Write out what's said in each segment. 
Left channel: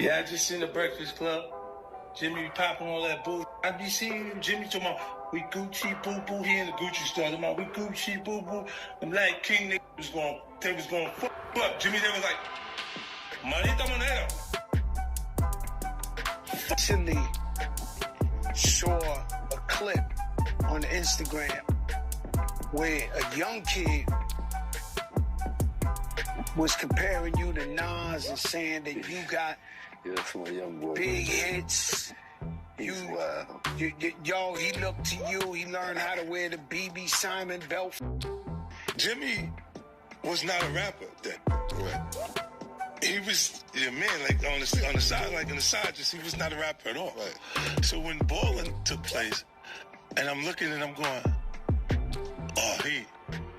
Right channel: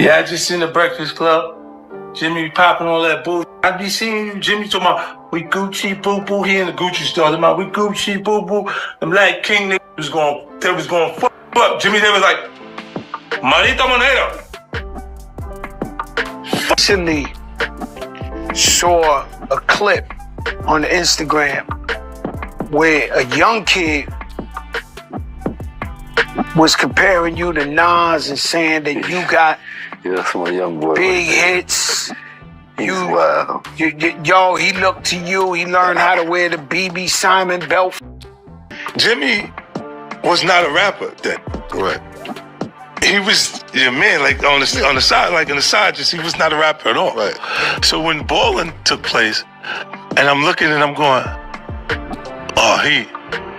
Yeah, I just seen the Breakfast Club. Jimmy popping all that bull. I be seeing you, Jimmy talking about we Gucci boo boo. He in the Gucci store talking about we Gucci boo boo. Them like king niggas was going fuck up. Jimmy, they was like, Marita Monero. Recently saw a clip on Instagram where a young kid was comparing you to Nas and saying that you got that's my young boy. big hits. Wow. Yo, he looked to you. He learned how to wear the BB Simon belt. Jimmy was not a rapper then. Right. He was man, like on the side, like in the side, just he was not a rapper at all. Right. So when balling took place, and I'm looking and I'm going, oh, he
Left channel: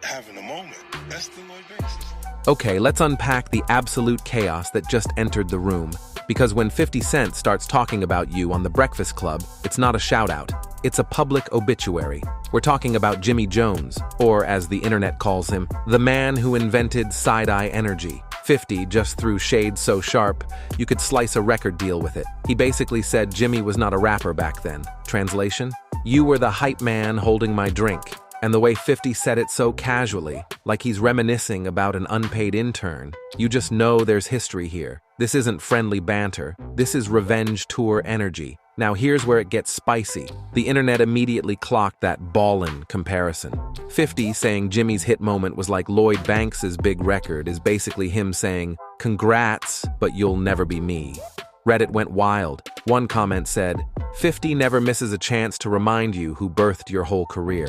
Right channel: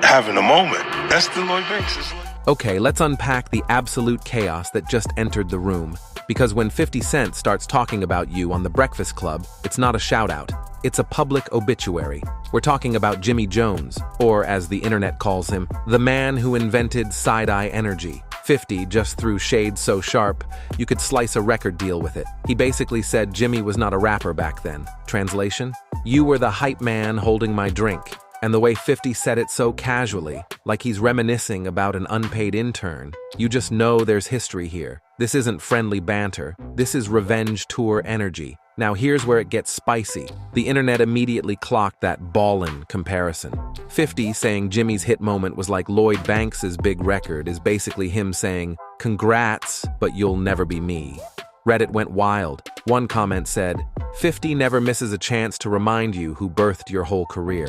having a moment. That's the Lloyd Banks. Okay, let's unpack the absolute chaos that just entered the room. Because when 50 Cent starts talking about you on The Breakfast Club, it's not a shout-out. It's a public obituary. We're talking about Jimmy Jones, or as the internet calls him, the man who invented side-eye energy. 50 just threw shade so sharp, you could slice a record deal with it. He basically said Jimmy was not a rapper back then. Translation? You were the hype man holding my drink. And the way 50 said it so casually, like he's reminiscing about an unpaid intern, you just know there's history here. This isn't friendly banter. This is revenge tour energy. Now here's where it gets spicy. The internet immediately clocked that ballin' comparison. 50 saying Jimmy's hit moment was like Lloyd Banks's big record is basically him saying, congrats, but you'll never be me. Reddit went wild. One comment said, 50 never misses a chance to remind you who birthed your whole career.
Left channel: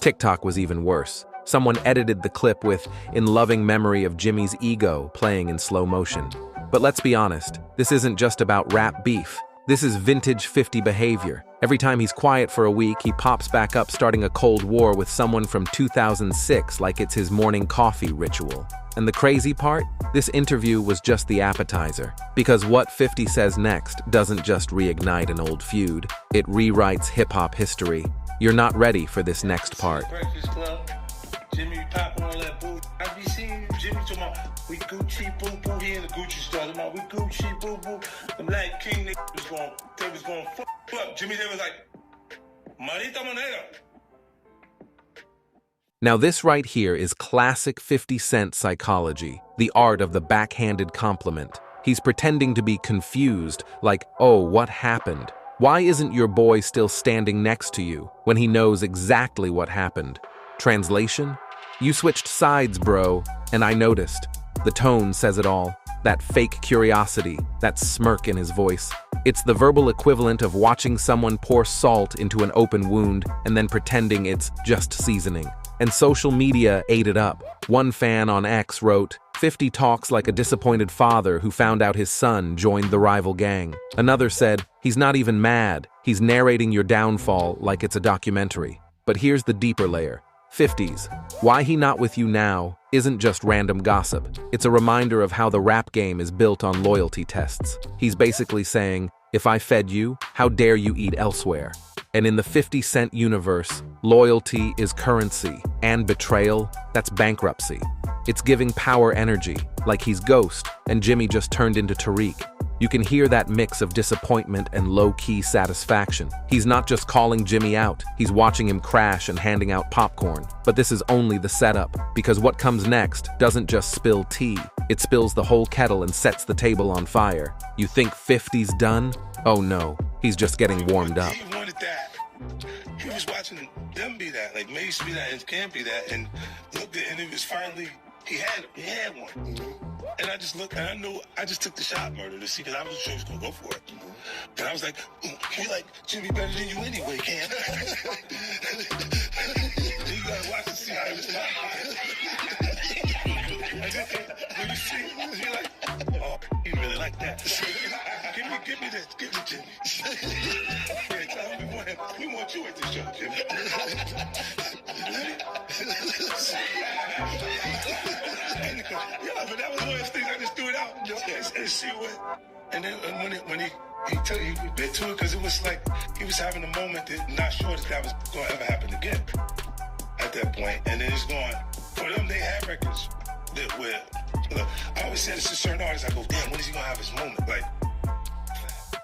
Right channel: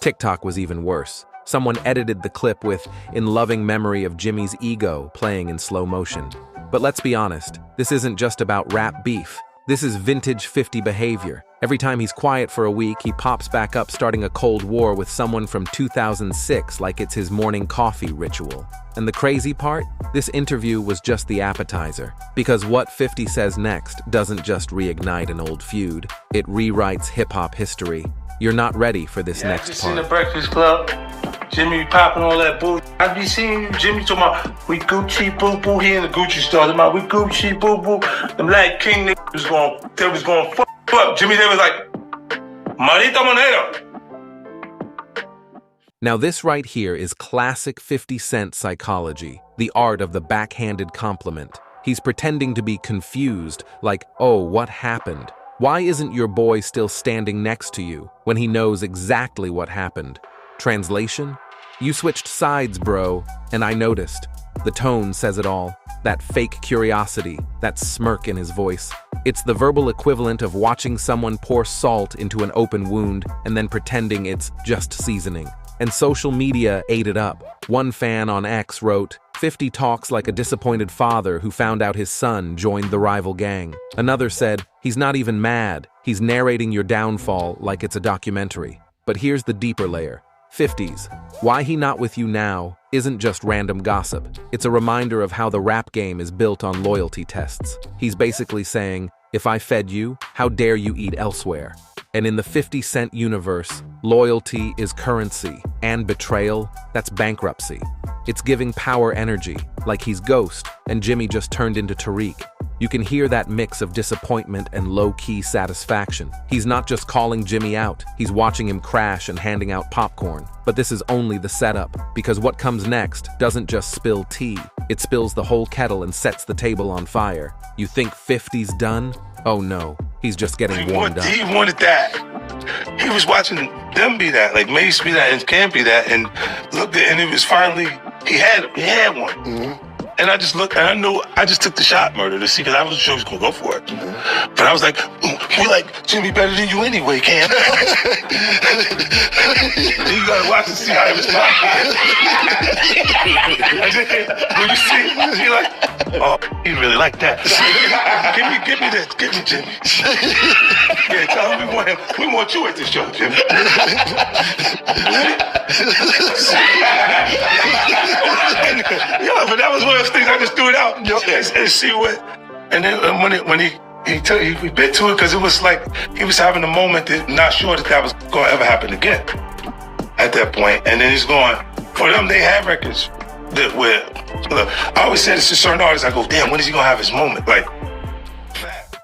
TikTok was even worse. Someone edited the clip with, in loving memory of Jimmy's ego playing in slow motion. But let's be honest, this isn't just about rap beef. This is vintage 50 behavior. Every time he's quiet for a week, he pops back up starting a cold war with someone from 2006 like it's his morning coffee ritual. And the crazy part? This interview was just the appetizer. Because what 50 says next doesn't just reignite an old feud, it rewrites hip-hop history. You're not ready for this next part. In the Breakfast Club, Jimmy popping all that bull. I be seeing you, Jimmy talking about we Gucci boo boo. He in the Gucci store talking about we Gucci boo boo. Them like king niggas was going fuck up. Jimmy, they was like, Marita Monero. Now this right here is classic 50 Cent psychology, the art of the backhanded compliment. He's pretending to be confused, like, oh, what happened? Why isn't your boy still standing next to you when he knows exactly what happened? Translation? You switched sides, bro, and I noticed. The tone says it all. That fake curiosity, that smirk in his voice. It's the verbal equivalent of watching someone pour salt into an open wound and then pretending it's just seasoning. And social media ate it up. One fan on X wrote, 50 talks like a disappointed father who found out his son joined the rival gang. Another said, he's not even mad. He's narrating your downfall like it's a documentary. But here's the deeper layer. 50s. Why he not with you now isn't just random gossip. It's a reminder of how the rap game is built on loyalty tests. He's basically saying, if I fed you, how dare you eat elsewhere? And in the 50 Cent universe, loyalty is currency, and betrayal, that's bankruptcy. It's giving power energy, like he's Ghost, and Jimmy just turned into Tariq. You can hear that mix of disappointment and low-key satisfaction. He's not just calling Jimmy out, he's watching him crash and handing out popcorn. But this is only the setup, because what comes next doesn't just spill tea, it spills the whole kettle and sets the table on fire. You think 50's done? Oh no, he's just getting warmed up. He wanted that. He was watching them be that, like Meech be that and Camp be that, and looked at, and it was finally, he had one. Mm-hmm. And I just looked, and I knew, I just took the shot murder to see, because I wasn't sure he was going to go for it. Mm-hmm. But I was like, we like Jimmy better than you anyway, Cam. You got to watch and see how he responds. When you see, he like, oh, he really like that. Give me this, give me Jimmy. Yeah, tell him we want you at this show, Jimmy. Yeah, but that was one of those things I just threw it out and see what. And then when he bit to it, because it was like he was having a moment that not sure that was going to ever happen again at that point. And then he's going, for them, they have records that where, look, I always say this to certain artists, I go, damn, when is he going to have his moment? Like,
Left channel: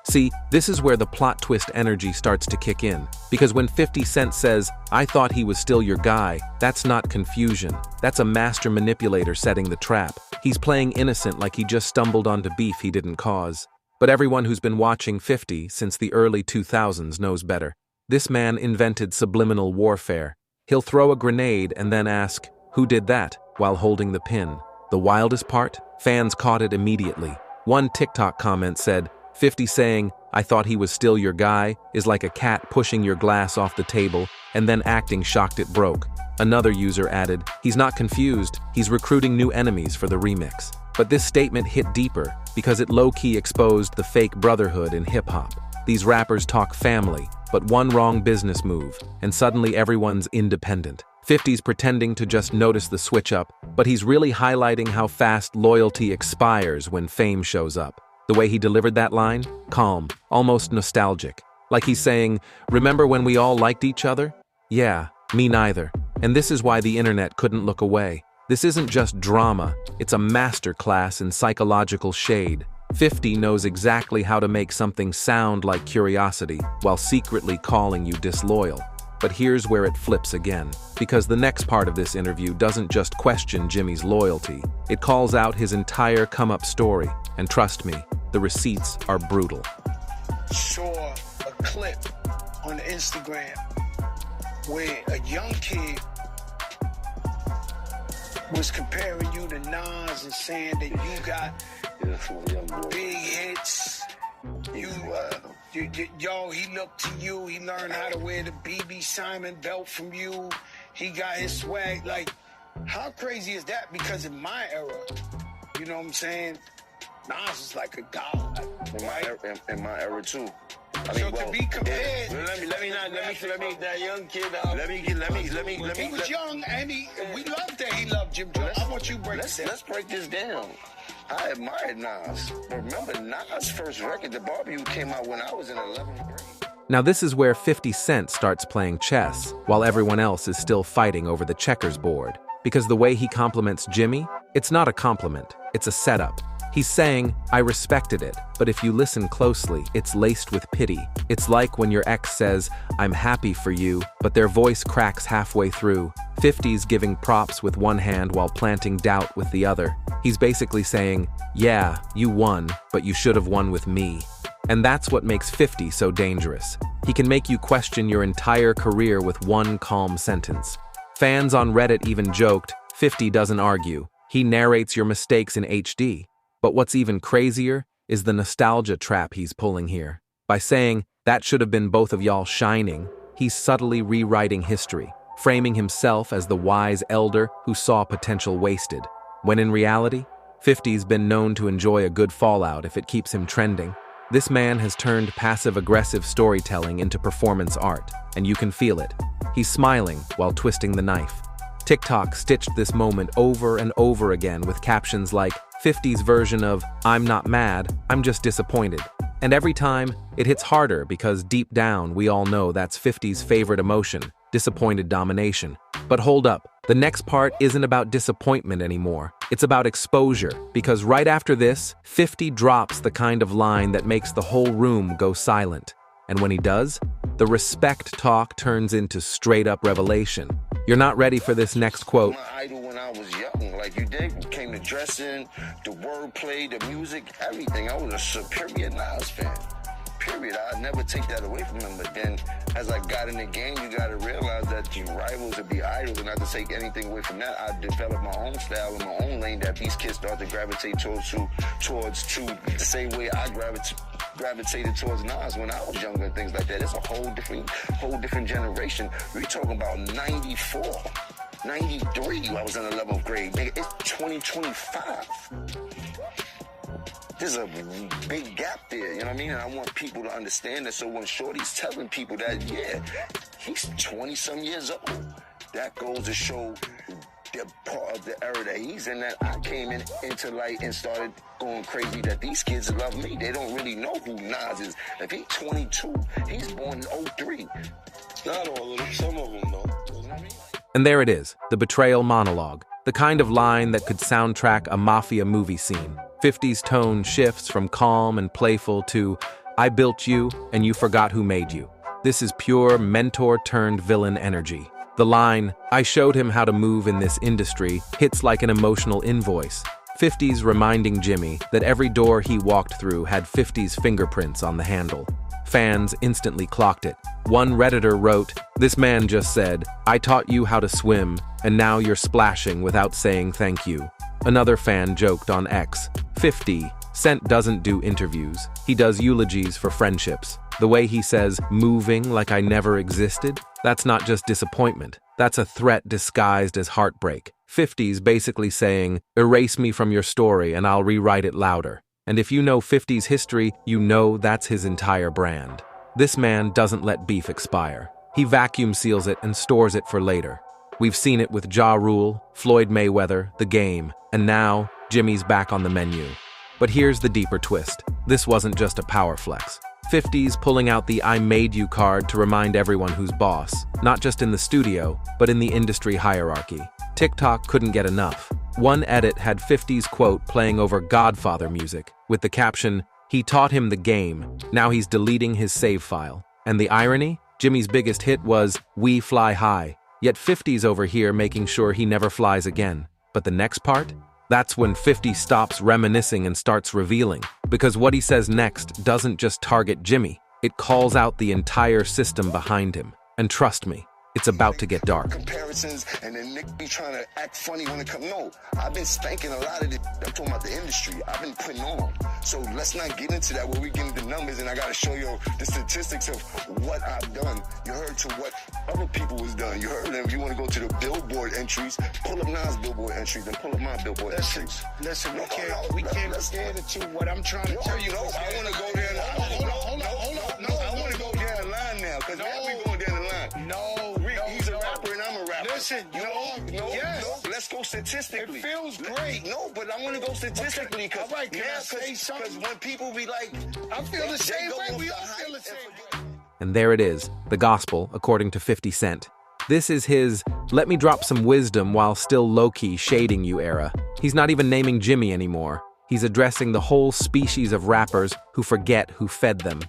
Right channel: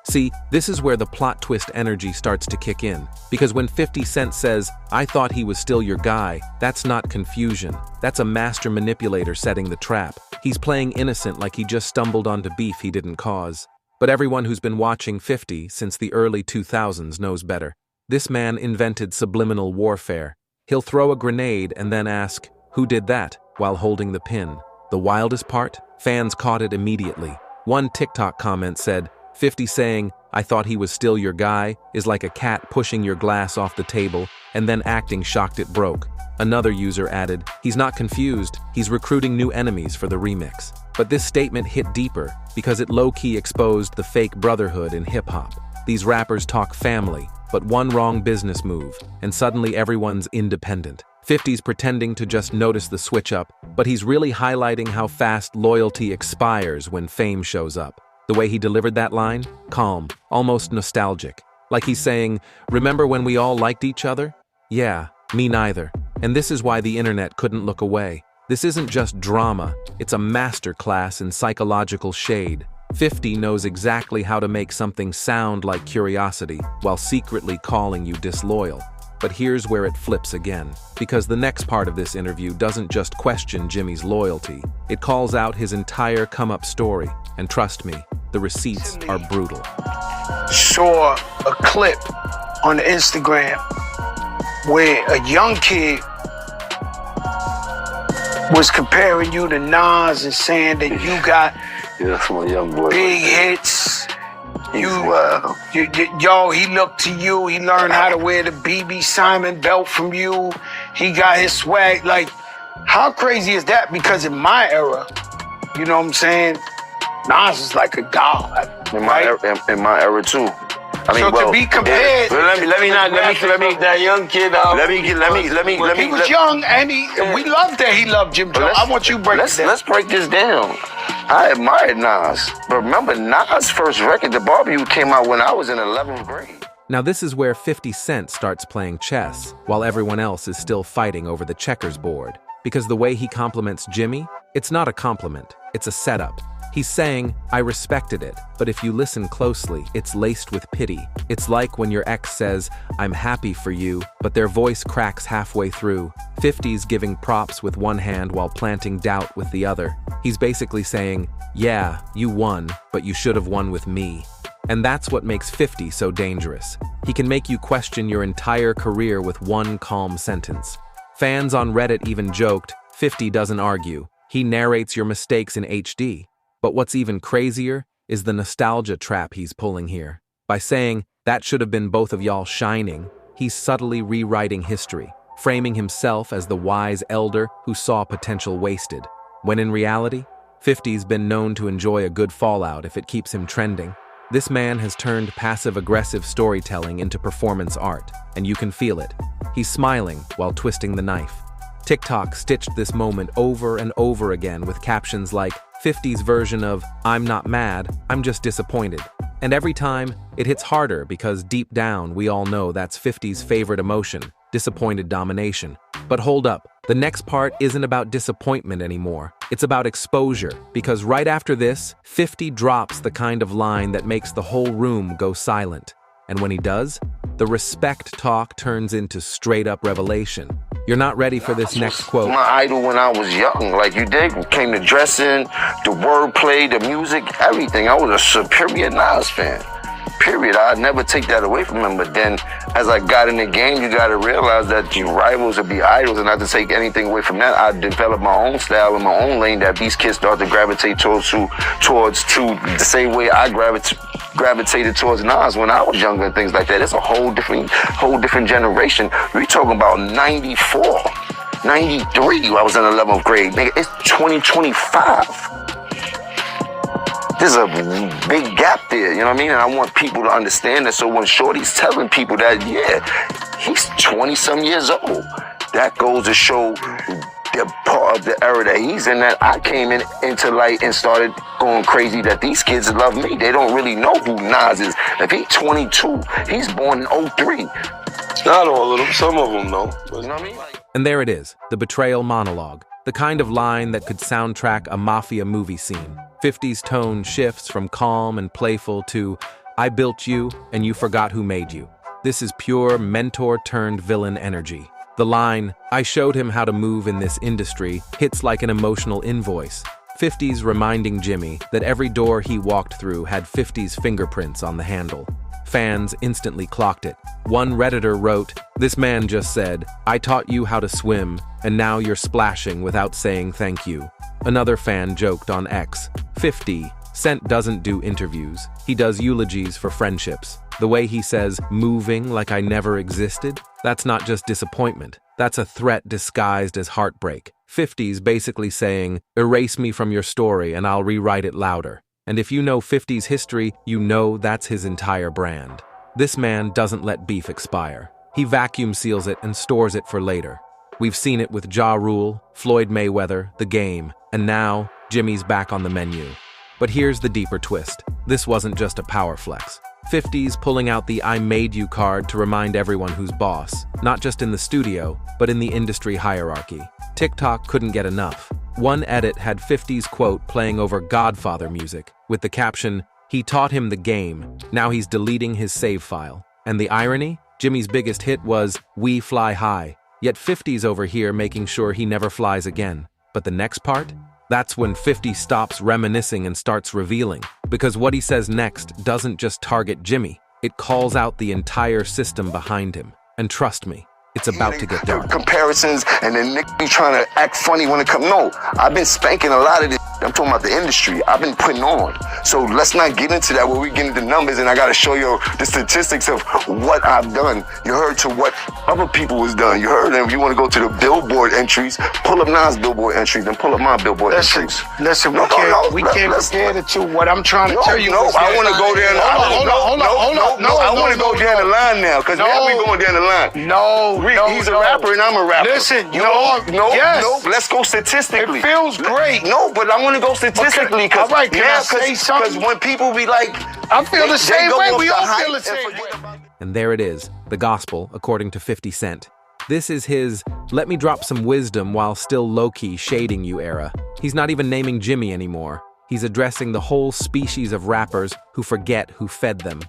See, this is where the plot twist energy starts to kick in. Because when 50 Cent says, "I thought he was still your guy," that's not confusion. That's a master manipulator setting the trap. He's playing innocent like he just stumbled onto beef he didn't cause. But everyone who's been watching 50 since the early 2000s knows better. This man invented subliminal warfare. He'll throw a grenade and then ask, "Who did that?" while holding the pin. The wildest part? Fans caught it immediately. One TikTok comment said, 50 saying, "I thought he was still your guy," is like a cat pushing your glass off the table and then acting shocked it broke. Another user added, "He's not confused, he's recruiting new enemies for the remix." But this statement hit deeper because it low-key exposed the fake brotherhood in hip-hop. These rappers talk family, but one wrong business move, and suddenly everyone's independent. 50's pretending to just notice the switch-up, but he's really highlighting how fast loyalty expires when fame shows up. The way he delivered that line? Calm, almost nostalgic. Like he's saying, "Remember when we all liked each other? Yeah, me neither." And this is why the internet couldn't look away. This isn't just drama, it's a masterclass in psychological shade. 50 knows exactly how to make something sound like curiosity while secretly calling you disloyal. But here's where it flips again, because the next part of this interview doesn't just question Jimmy's loyalty, it calls out his entire come-up story, and trust me, the receipts are brutal. Saw a clip on Instagram where a young kid was comparing you to Nas and saying that you got Yeah, that's my young boy. big hits. Wow. Yo, he looked to you. He learned how to wear the BB Simon belt from you. He got his swag. Like, how crazy is that? Because in my era, you know what I'm saying? Nas is like a god. In my era too. I mean, So well, to be compared, But let me that young kid. Let me. he was young and we loved that he loved Jim Jones. I want you to break it down. Let's break this down. I admired Nas, but remember Nas' first record, The Barbecue, came out when I was in 11th grade. Now this is where 50 Cent starts playing chess, while everyone else is still fighting over the checkers board. Because the way he compliments Jimmy, it's not a compliment, it's a setup. He's saying, "I respected it," but if you listen closely, it's laced with pity. It's like when your ex says, "I'm happy for you," but their voice cracks halfway through. 50's giving props with one hand while planting doubt with the other. He's basically saying, "Yeah, you won, but you should have won with me." And that's what makes 50 so dangerous. He can make you question your entire career with one calm sentence. Fans on Reddit even joked, 50 doesn't argue. He narrates your mistakes in HD. But what's even crazier is the nostalgia trap he's pulling here. By saying, "That should have been both of y'all shining," he's subtly rewriting history, framing himself as the wise elder who saw potential wasted. When in reality, 50's been known to enjoy a good fallout if it keeps him trending. This man has turned passive-aggressive storytelling into performance art, and you can feel it. He's smiling while twisting the knife. TikTok stitched this moment over and over again with captions like, 50's version of, "I'm not mad, I'm just disappointed." And every time, it hits harder because deep down we all know that's 50's favorite emotion, disappointed domination. But hold up, the next part isn't about disappointment anymore. It's about exposure, because right after this, 50 drops the kind of line that makes the whole room go silent. And when he does, the respect talk turns into straight-up revelation. You're not ready for this next quote. My idol when I was young, like you did, came to dressing, the wordplay, the music, everything. I was a superior Nas fan. Period. I'd never take that away from him. But then, as I got in the game, you got to realize that your rivals would be idols, and not to take anything away from that. I developed my own style in my own lane that these kids start to gravitate towards the same way I gravitated towards Nas when I was younger and things like that. It's a whole different generation. We're talking about 94, 93. I was in 11th grade. Nigga, it's 2025. There's a big gap there, you know what I mean? And I want people to understand that. So when Shorty's telling people that, yeah, he's 20-some years old, that goes to show the part of the era that he's in, that I came into light and started going crazy, that these kids love me. They don't really know who Nas is. If he's 22, he's born in 03. Not all of them, some of them though. You know what I mean? And there it is, the Betrayal monologue, the kind of line that could soundtrack a mafia movie scene. 50's tone shifts from calm and playful to I built you, and you forgot who made you. This is pure mentor-turned-villain energy. The line, I showed him how to move in this industry, hits like an emotional invoice. 50's reminding Jimmy that every door he walked through had 50's fingerprints on the handle. Fans instantly clocked it. One Redditor wrote, "This man just said, I taught you how to swim, and now you're splashing without saying thank you." Another fan joked on X, 50 Cent doesn't do interviews. He does eulogies for friendships. The way he says, moving like I never existed, that's not just disappointment. That's a threat disguised as heartbreak. 50's basically saying, erase me from your story and I'll rewrite it louder. And if you know 50's history, you know that's his entire brand. This man doesn't let beef expire. He vacuum seals it and stores it for later. We've seen it with Ja Rule, Floyd Mayweather, The Game, and now Jimmy's back on the menu. But here's the deeper twist. This wasn't just a power flex. 50's pulling out the I made you card to remind everyone who's boss, not just in the studio, but in the industry hierarchy. TikTok couldn't get enough. One edit had 50's quote playing over Godfather music, with the caption, he taught him the game, now he's deleting his save file. And the irony? Jimmy's biggest hit was, we fly high, yet 50's over here making sure he never flies again. But the next part? That's when 50 stops reminiscing and starts revealing. Because what he says next doesn't just target Jimmy, it calls out the entire system behind him. And trust me, it's about to get dark. Comparisons, and then Nick be trying to act funny when it comes. No, I've been spanking a lot of this. I'm talking about the industry. I've been putting on. So let's not get into that where we get into numbers and I got to show you the statistics of what I've done. You heard to what other people was done. You heard them. You want to go to the Billboard entries, pull up Nas Billboard entries, then pull up my Billboard entries. Listen, we can't compare the two. What I'm trying to tell you is I want to go there. I want to go down the line now because now we going down the line. He's a rapper and I'm a rapper. Listen, let's go statistically. It feels great. No, but I want to go statistically. All right, can I say something? Because when people be like, I feel the same way. We all feel the same way. And there it is, the gospel according to 50 Cent. This is his, let me drop some wisdom while still low-key shading you era. He's not even naming Jimmy anymore. He's addressing the whole species of rappers who forget who fed them.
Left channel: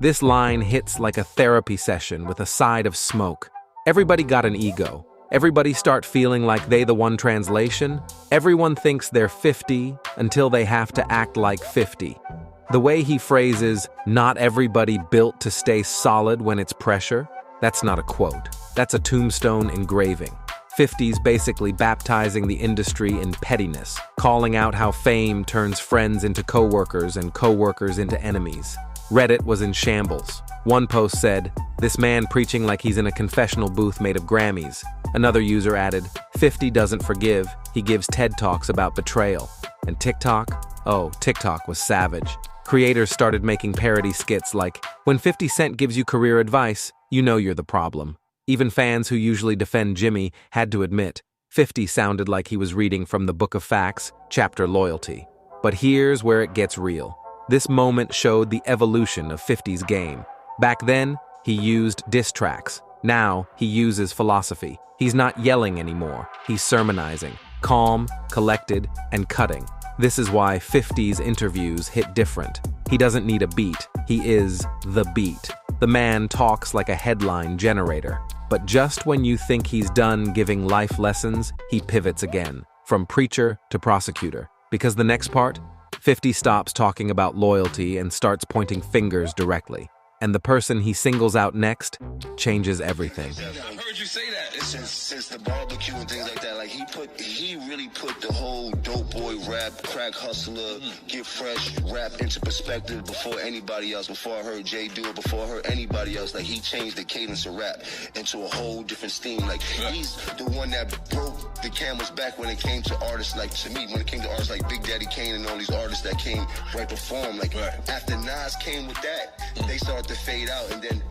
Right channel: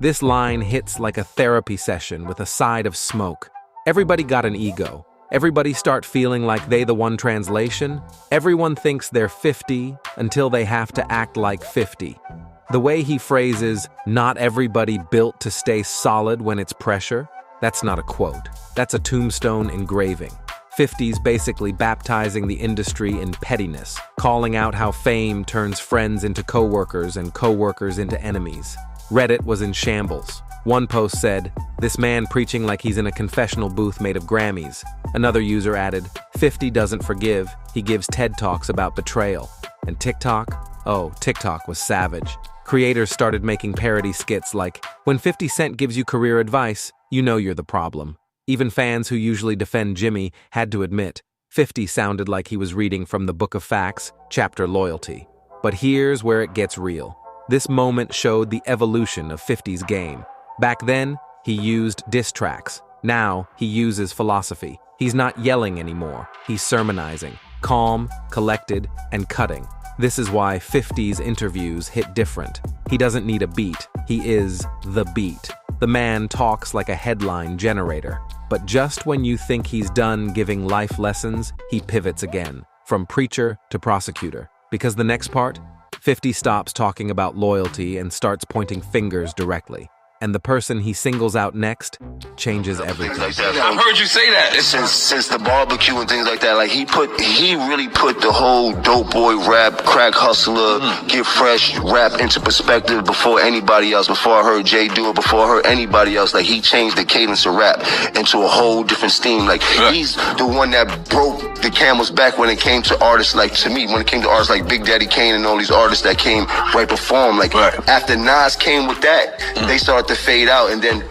This line hits like a therapy session with a side of smoke. Everybody got an ego. Everybody start feeling like they the one translation. Everyone thinks they're 50 until they have to act like 50. The way he phrases, not everybody built to stay solid when it's pressure, that's not a quote. That's a tombstone engraving. 50's basically baptizing the industry in pettiness, calling out how fame turns friends into coworkers and coworkers into enemies. Reddit was in shambles. One post said, this man preaching like he's in a confessional booth made of Grammys. Another user added, 50 doesn't forgive, he gives TED Talks about betrayal. And TikTok? Oh, TikTok was savage. Creators started making parody skits like, when 50 Cent gives you career advice, you know you're the problem. Even fans who usually defend Jimmy had to admit, 50 sounded like he was reading from the Book of Facts, chapter Loyalty. But here's where it gets real. This moment showed the evolution of 50's game. Back then, he used diss tracks. Now, he uses philosophy. He's not yelling anymore. He's sermonizing, calm, collected, and cutting. This is why 50's interviews hit different. He doesn't need a beat. He is the beat. The man talks like a headline generator. But just when you think he's done giving life lessons, he pivots again, from preacher to prosecutor. Because the next part, 50 stops talking about loyalty and starts pointing fingers directly. And the person he singles out next changes everything. I've heard you say that. Since the barbecue and things like that, like he really put the whole dope boy rap, crack hustler, get fresh rap into perspective before anybody else. Before I heard Jay do it, before I heard anybody else, like he changed the cadence of rap into a whole different steam. Like he's the one that broke the camel's back when it came to artists like, to me, when it came to artists like Big Daddy Kane and all these artists that came right before him. Like after Nas came with that, they started to fade out, and then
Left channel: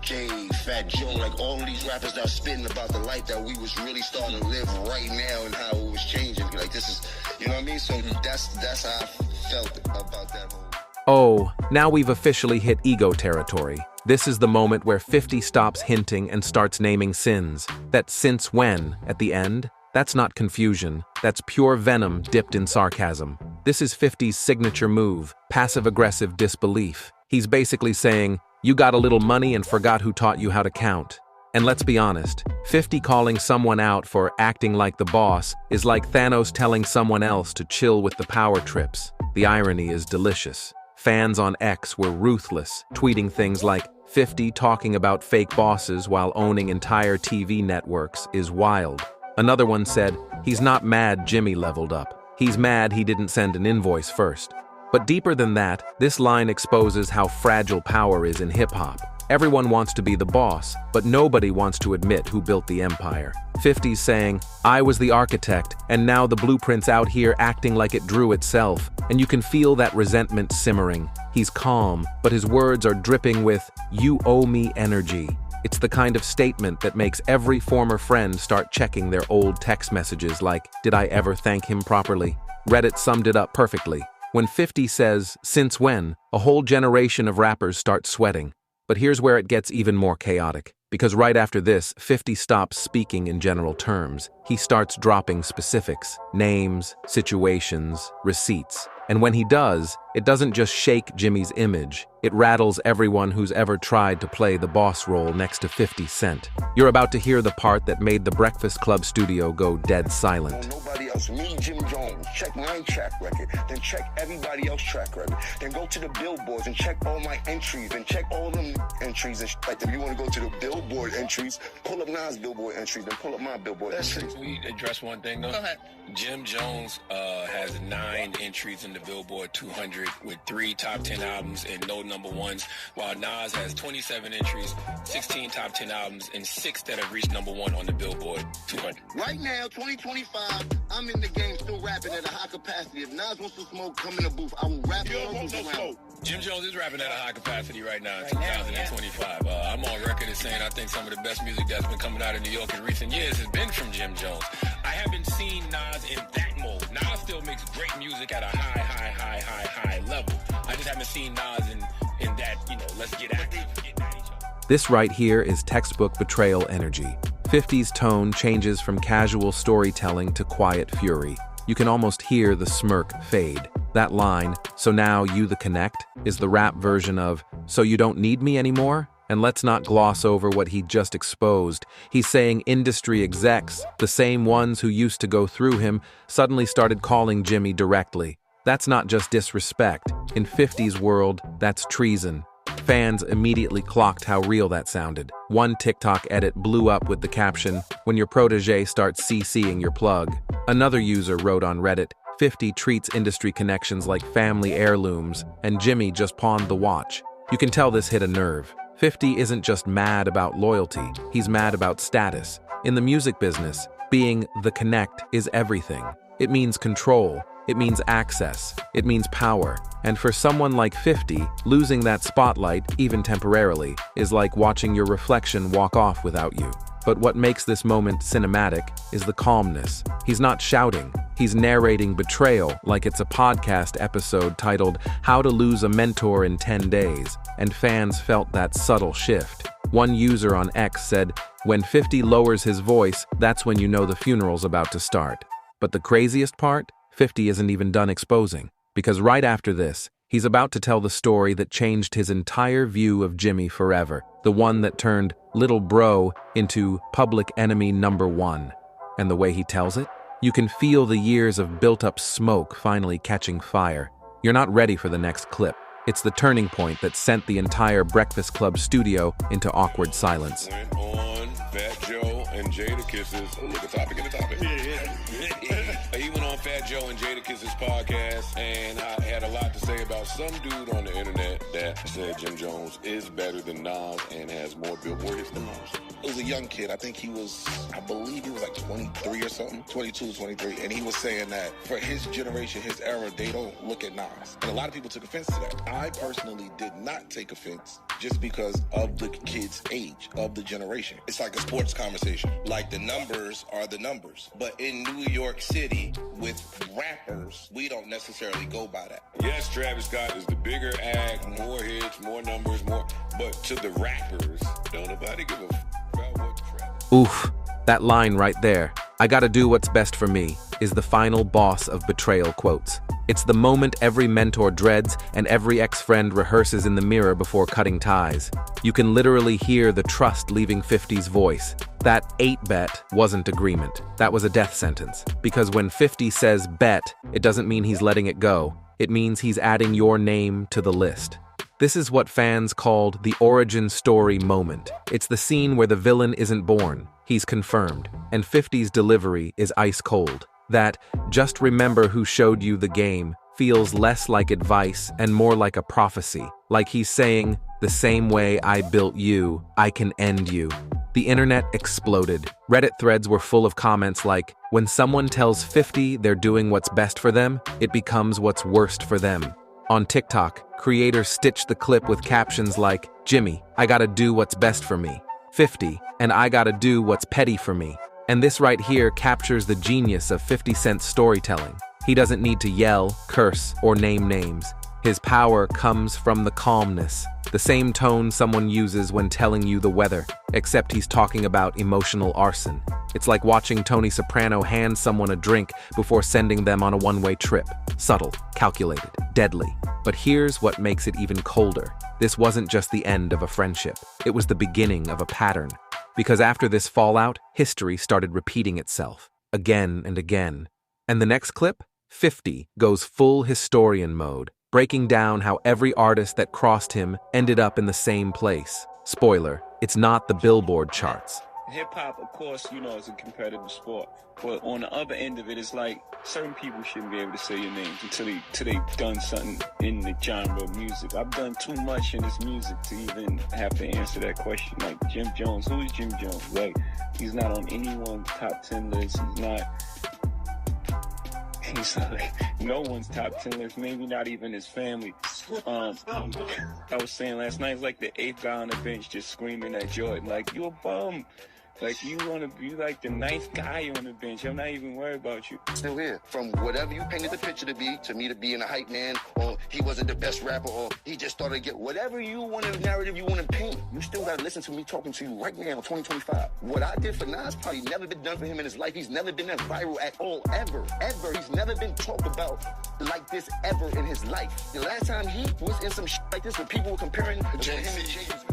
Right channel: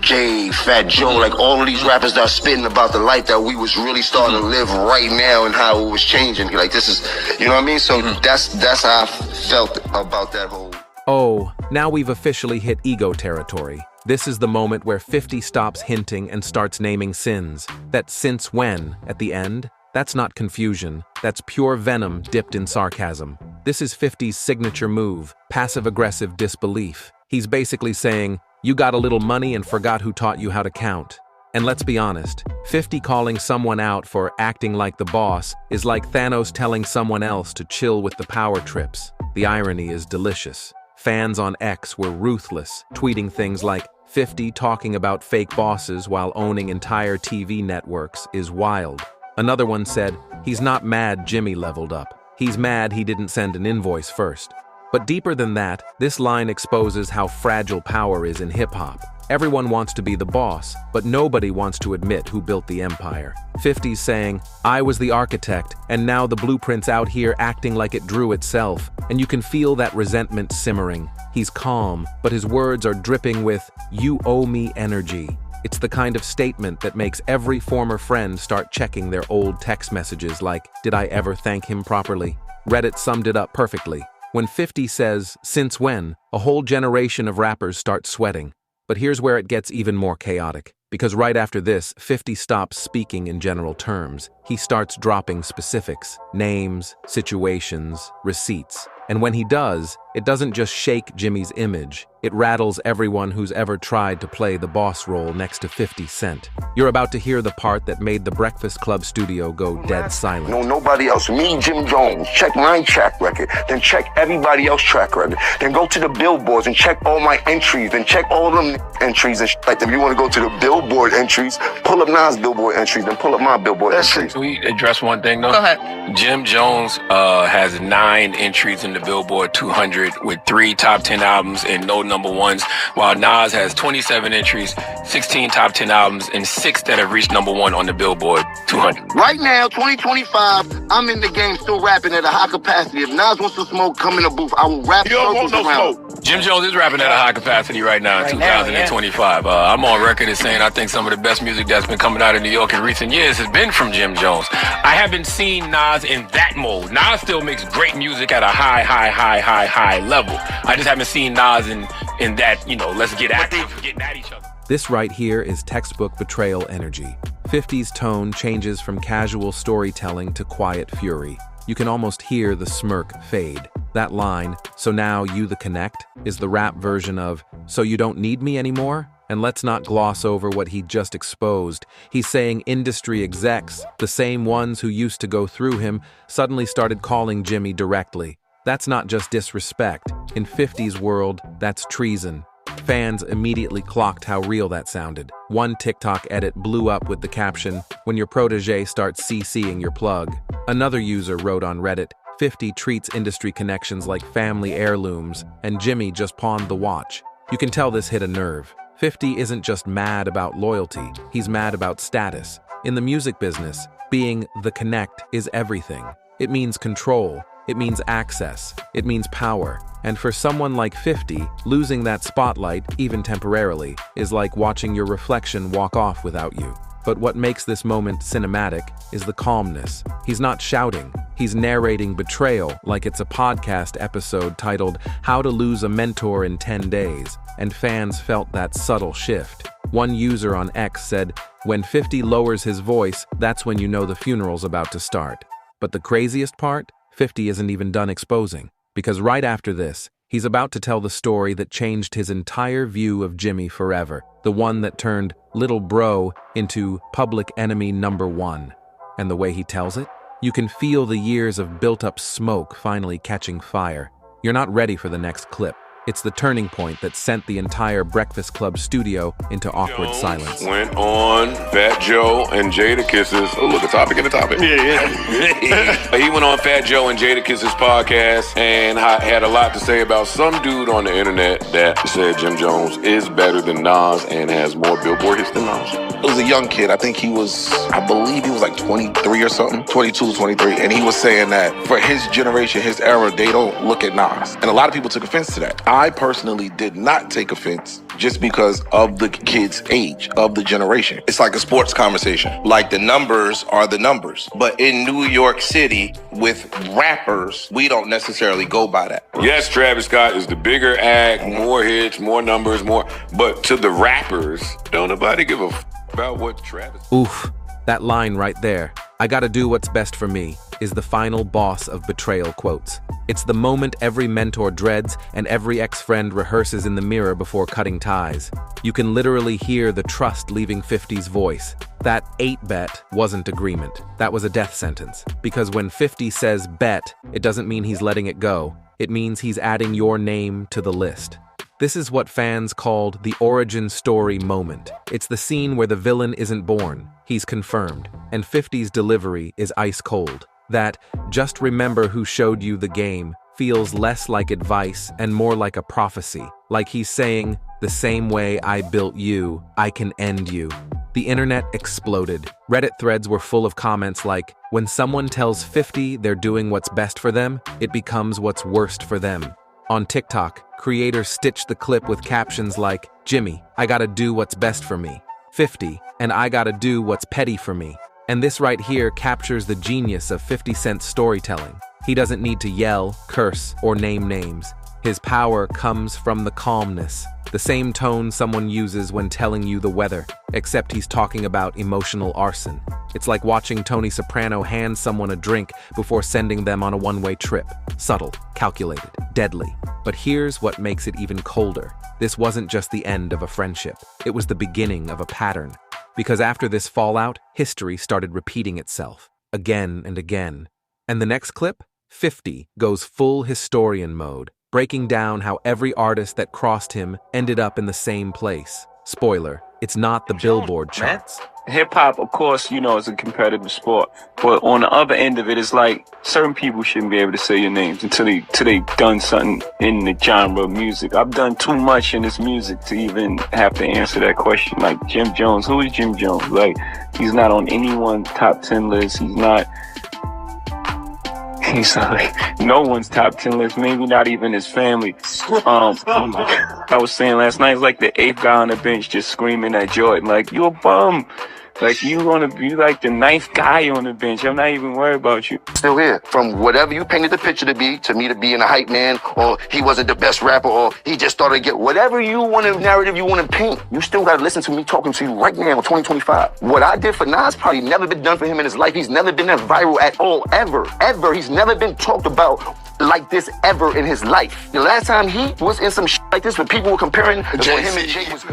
Jay, Fat Joe, like all of these rappers that are spitting about the life that we was really starting to live right now and how it was changing. Like this is, you know what I mean? So that's how I felt about that whole. Oh, now we've officially hit ego territory. This is the moment where 50 stops hinting and starts naming sins. That since when, at the end? That's not confusion, that's pure venom dipped in sarcasm. This is 50's signature move, passive-aggressive disbelief. He's basically saying, you got a little money and forgot who taught you how to count. And let's be honest, 50 calling someone out for acting like the boss is like Thanos telling someone else to chill with the power trips. The irony is delicious. Fans on X were ruthless, tweeting things like, 50 talking about fake bosses while owning entire TV networks is wild. Another one said, he's not mad Jimmy leveled up. He's mad he didn't send an invoice first. But deeper than that, this line exposes how fragile power is in hip-hop. Everyone wants to be the boss, but nobody wants to admit who built the empire. 50's saying, I was the architect, and now the blueprint's out here acting like it drew itself, and you can feel that resentment simmering. He's calm, but his words are dripping with, you owe me energy. It's the kind of statement that makes every former friend start checking their old text messages like, did I ever thank him properly? Reddit summed it up perfectly. When 50 says, since when, a whole generation of rappers start sweating. But here's where it gets even more chaotic. Because right after this, 50 stops speaking in general terms. He starts dropping specifics, names, situations, receipts. And when he does, it doesn't just shake Jimmy's image, it rattles everyone who's ever tried to play the boss role next to 50 Cent. You're about to hear the part that made the Breakfast Club studio go dead silent. No, nobody else. Me, Jim Jones. Check my track record. Then check everybody else's track record. Then go to the billboards and check all my entries. Then check all them entries and like if you want to go to the billboard entries, pull up Nas billboard entries. Then pull up my billboard entries. Can we address one thing though? Go ahead. Jim Jones has 9 entries in the Billboard 200 with 3 top 10 albums and no number ones, while Nas has 27 entries, 16 top 10 albums, and 6 that have reached number 1 on the Billboard 200. Right now, 2025, I'm in the game still rapping at a high capacity. If Nas wants to smoke, come in the booth. I will rap circles around. Jim Jones is rapping at a high capacity right now in 2025. I'm on record as saying I think some of the best music that's been coming out of New York in recent years has been from Jim Jones. I haven't seen Nas in that mode. Nas still makes great music at a high level. I just haven't seen Nas in that, let's get active, getting at each other. This right here is textbook Betrayal energy. 50's tone changes from casual storytelling to quiet fury. You can almost hear the smirk fade. That line, so now you the connect, is the rap version of, so you don't need me anymore? And let's not gloss over what he just exposed. He's saying industry execs, the same ones who used to go through him, suddenly started calling Jimmy directly. That's not just disrespect. In 50's world, that's treason. Fans immediately clocked how real that sounded. One TikTok edit blew up with the caption, when your protege starts CCing your plug. Another user wrote on Reddit, 50 treats industry connections like family heirlooms, and Jimmy just pawned the watch. You can tell this hit a nerve. 50 isn't just mad about loyalty, he's mad about status. In the music business, being the connect is everything. It means control, it means access, it means power. And for someone like 50, losing that spotlight, even temporarily, is like watching your reflection walk off without you. But what makes this moment cinematic is the calmness. He's not shouting, he's narrating betrayal like it's a podcast episode titled How to Lose a Mentor in 10 Days, and fans felt that subtle shift. One user on X said, when 50 lowers his voice, that's when you know the funeral's about to start. But the craziest part? 50 isn't even done exposing, because right after this, he's about to tell the story that changed his entire view of Jimmy forever, the one that turned Little Bro into public enemy number 1. And the way he tells it? You can feel the years of built-up smoke finally catching fire. You're not ready for the next clip. It's the turning point that sent the entire Breakfast Club studio into awkward silence. Went on Fat Joe and Jadakiss's. Oh, look, a topic in the topic. Yeah. He went on Fat Joe and Jadakiss's podcast and had a lot to say about some dude on the internet that said Jim Jones is better than Nas and has more Billboard hits than Nas. It was a young kid. I believe he was like 23 or something, 22, 23. And he was saying that for his generation, his era, they don't look at Nas. And a lot of people took offense to that. I personally did not take offense just because of the kid's age, of the generation. It's like a sports conversation. Like the numbers are the numbers. But in New York City, with rappers, we don't necessarily go by that. Yes, Travis Scott is the bigger act, more hits, more numbers, more. But to the rappers, don't nobody give a about what Travis. Oof. That line right there, "I gotta do what's best for me," is the final boss of Betrayal quotes. It's the moment every mentor dreads and every ex-friend rehearses in the mirror before cutting ties. You can literally hear the trust leaving 50's voice. That 8-bet wasn't agreement. That was a death sentence. Because when 50 says bet, it doesn't mean he's letting it go. It means he's adding your name to the list. This is what fans called the origin story moment. It's the scene where the villain isn't born, he's confirmed, and 50's delivery is ice cold. That "just remember who showed you the game" feels less like advice and more like a prophecy, like he's saying, "The same way I built you, I can end you." The internet exploded. Reddit threads were full of comments like, "When someone tells 50 they're doing what's best for them, it becomes what's worst for them." On TikTok, creators stitched the clip with captions like, "Jimmy, I gotta do what's best for me. 50, and I gotta do what's petty for me." And this right here captures the genius of 50 Cent's storytelling. He doesn't need to yell, curse, or name names. His power comes from the calmness, the same tone someone uses when telling you the weather, except he's talking about emotional arson. It's like watching Tony Soprano hand someone a drink before sending them on a one-way trip. Subtle, calculated, deadly. But here's what makes it even colder. This wasn't just the end of a friendship. It was the beginning of a pattern. Because after this fallout, history started repeating itself, again and again. And the next clip? 50 goes full historian mode, breaking down how every artist that crossed him ended up in the same place. Spoiler, it's not the Billboard charts. Hip-hop, of course, you know, is a competitive sport. But on the other end of it, it's like certain people shouldn't be able to say your names until they've done something in the genre of music. I've done too much in this music to even have to answer that question. Like Jim Jones, who is Jim Jones? Like, he's not on anyone's top 10 list. He's not like no one's top 10 list, maybe not even his family. I was saying last night, it's like the 8th guy on the bench just screaming at Jordan, like, "You a bum. Like, you wanna be like the 9th guy on the bench. I'm not even worried about you." Still here. From whatever you painted the picture to me to being a hype man, or he wasn't the best rapper, or he just started to get whatever you want to narrative you want to paint. You still got to listen to me talking to you right now in 2025. What I did for Nas probably never been done for him in his life. He's never been that viral at all, ever. He's never been talked about like this ever in his life. The last time he was in some shit like this, when people were comparing him and Jay was.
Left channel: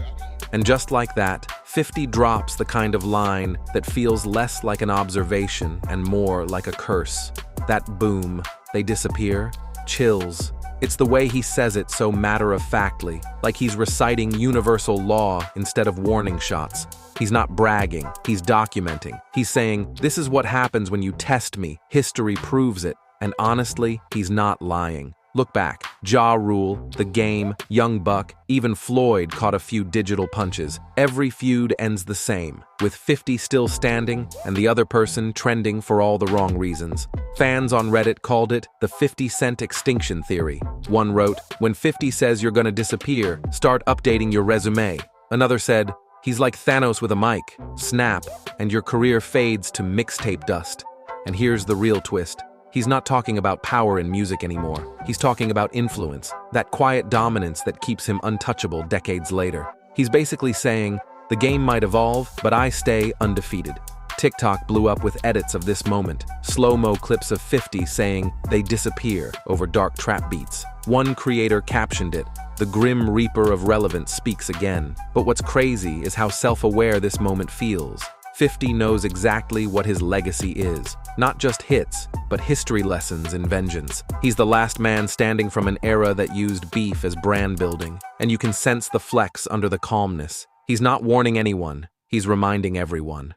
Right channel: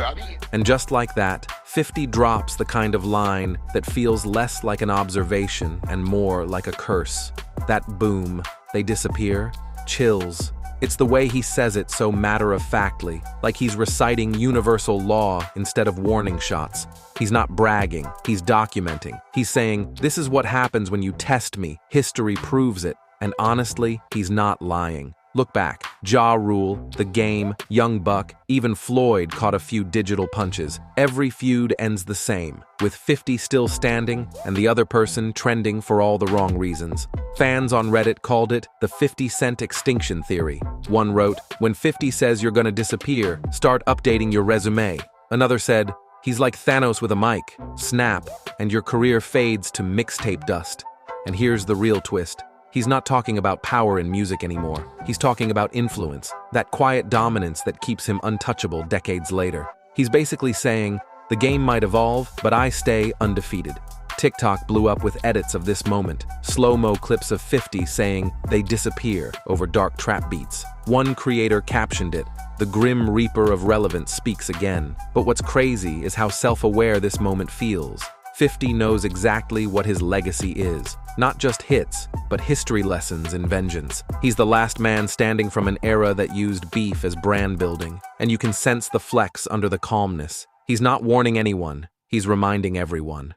And just like that, 50 drops the kind of line that feels less like an observation and more like a curse. That boom, they disappear, chills. It's the way he says it so matter-of-factly, like he's reciting universal law instead of warning shots. He's not bragging, he's documenting. He's saying, "This is what happens when you test me. History proves it." And honestly, he's not lying. Look back. Ja Rule, The Game, Young Buck, even Floyd caught a few digital punches. Every feud ends the same, with 50 still standing and the other person trending for all the wrong reasons. Fans on Reddit called it the 50 Cent extinction theory. One wrote, "When 50 says you're gonna disappear, start updating your resume." Another said, "He's like Thanos with a mic. Snap, and your career fades to mixtape dust." And here's the real twist. He's not talking about power in music anymore. He's talking about influence, that quiet dominance that keeps him untouchable decades later. He's basically saying, "The game might evolve, but I stay undefeated." TikTok blew up with edits of this moment, slow-mo clips of 50 saying they disappear over dark trap beats. One creator captioned it, "The Grim Reaper of relevance speaks again." But what's crazy is how self-aware this moment feels. 50 knows exactly what his legacy is. Not just hits, but history lessons in vengeance. He's the last man standing from an era that used beef as brand building, and you can sense the flex under the calmness. He's not warning anyone, he's reminding everyone.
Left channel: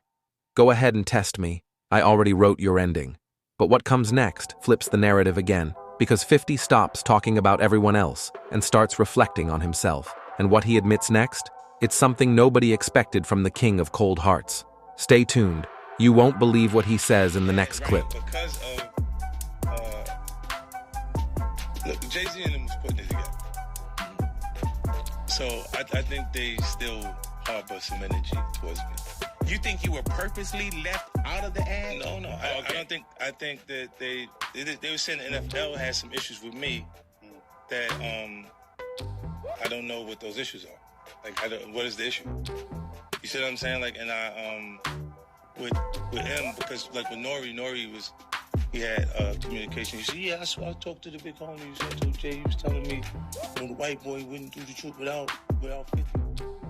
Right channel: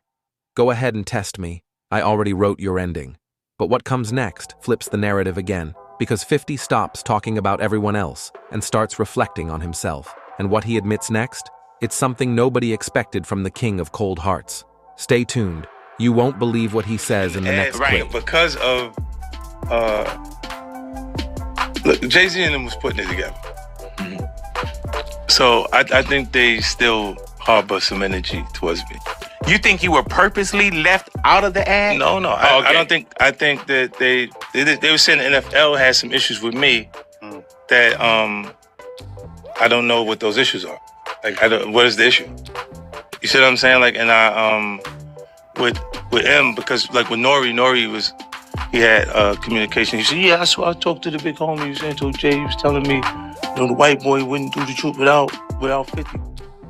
Go ahead and test me. I already wrote your ending. But what comes next flips the narrative again, because 50 stops talking about everyone else and starts reflecting on himself. And what he admits next? It's something nobody expected from the king of cold hearts. Stay tuned. You won't believe what he says in the next clip. Because of, look, Jay-Z and them was putting it together. So I think they still harbor some energy towards me. You think you were purposely left out of the ad? No. I don't think. I think that they were saying the NFL has some issues with me that I don't know what those issues are. Like, what is the issue? You see what I'm saying? Like, and with M, because like with Nori he had communication. He said, yeah, I talked to the big homie. He was saying to Jay, he was telling me, the white boy wouldn't do the truth without 50.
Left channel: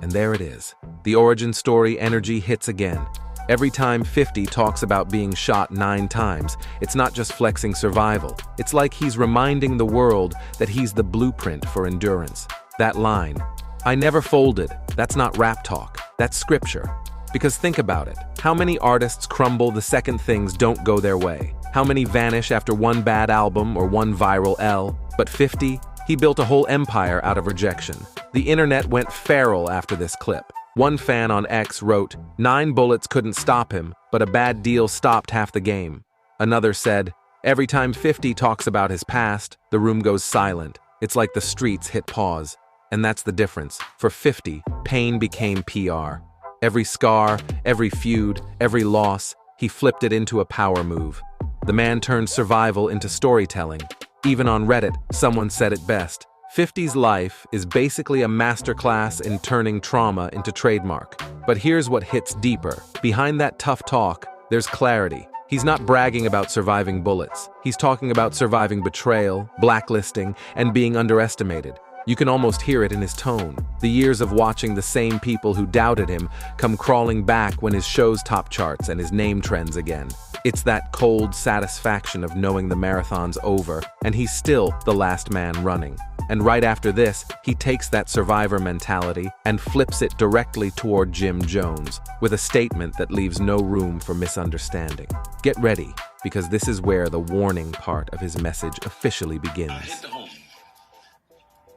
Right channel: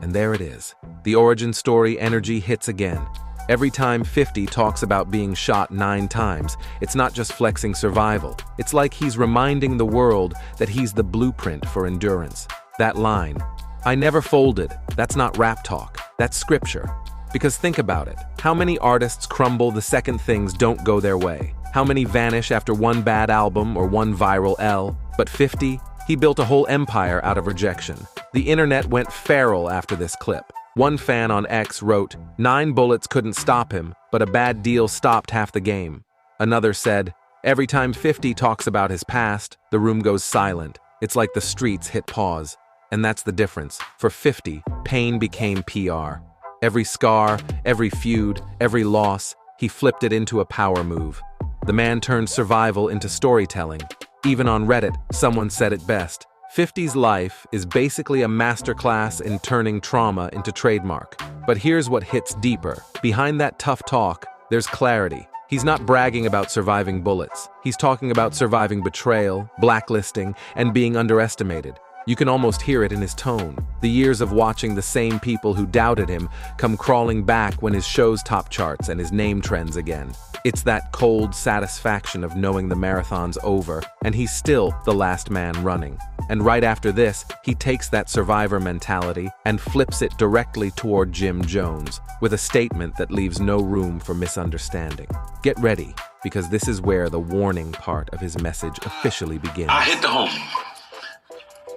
And there it is. The origin story energy hits again. Every time 50 talks about being shot 9 times, it's not just flexing survival. It's like he's reminding the world that he's the blueprint for endurance. That line, "I never folded," that's not rap talk, that's scripture. Because think about it, how many artists crumble the second things don't go their way? How many vanish after one bad album or one viral L? But 50, he built a whole empire out of rejection. The internet went feral after this clip. One fan on X wrote, 9 bullets couldn't stop him, but a bad deal stopped half the game. Another said, every time 50 talks about his past, the room goes silent. It's like the streets hit pause. And that's the difference. For 50, pain became PR. Every scar, every feud, every loss, he flipped it into a power move. The man turned survival into storytelling. Even on Reddit, someone said it best. 50's life is basically a masterclass in turning trauma into trademark. But here's what hits deeper. Behind that tough talk, there's clarity. He's not bragging about surviving bullets. He's talking about surviving betrayal, blacklisting, and being underestimated. You can almost hear it in his tone. The years of watching the same people who doubted him come crawling back when his shows top charts and his name trends again. It's that cold satisfaction of knowing the marathon's over, and he's still the last man running. And right after this, he takes that survivor mentality and flips it directly toward Jim Jones, with a statement that leaves no room for misunderstanding. Get ready, because this is where the warning part of his message officially begins. I hit the homie,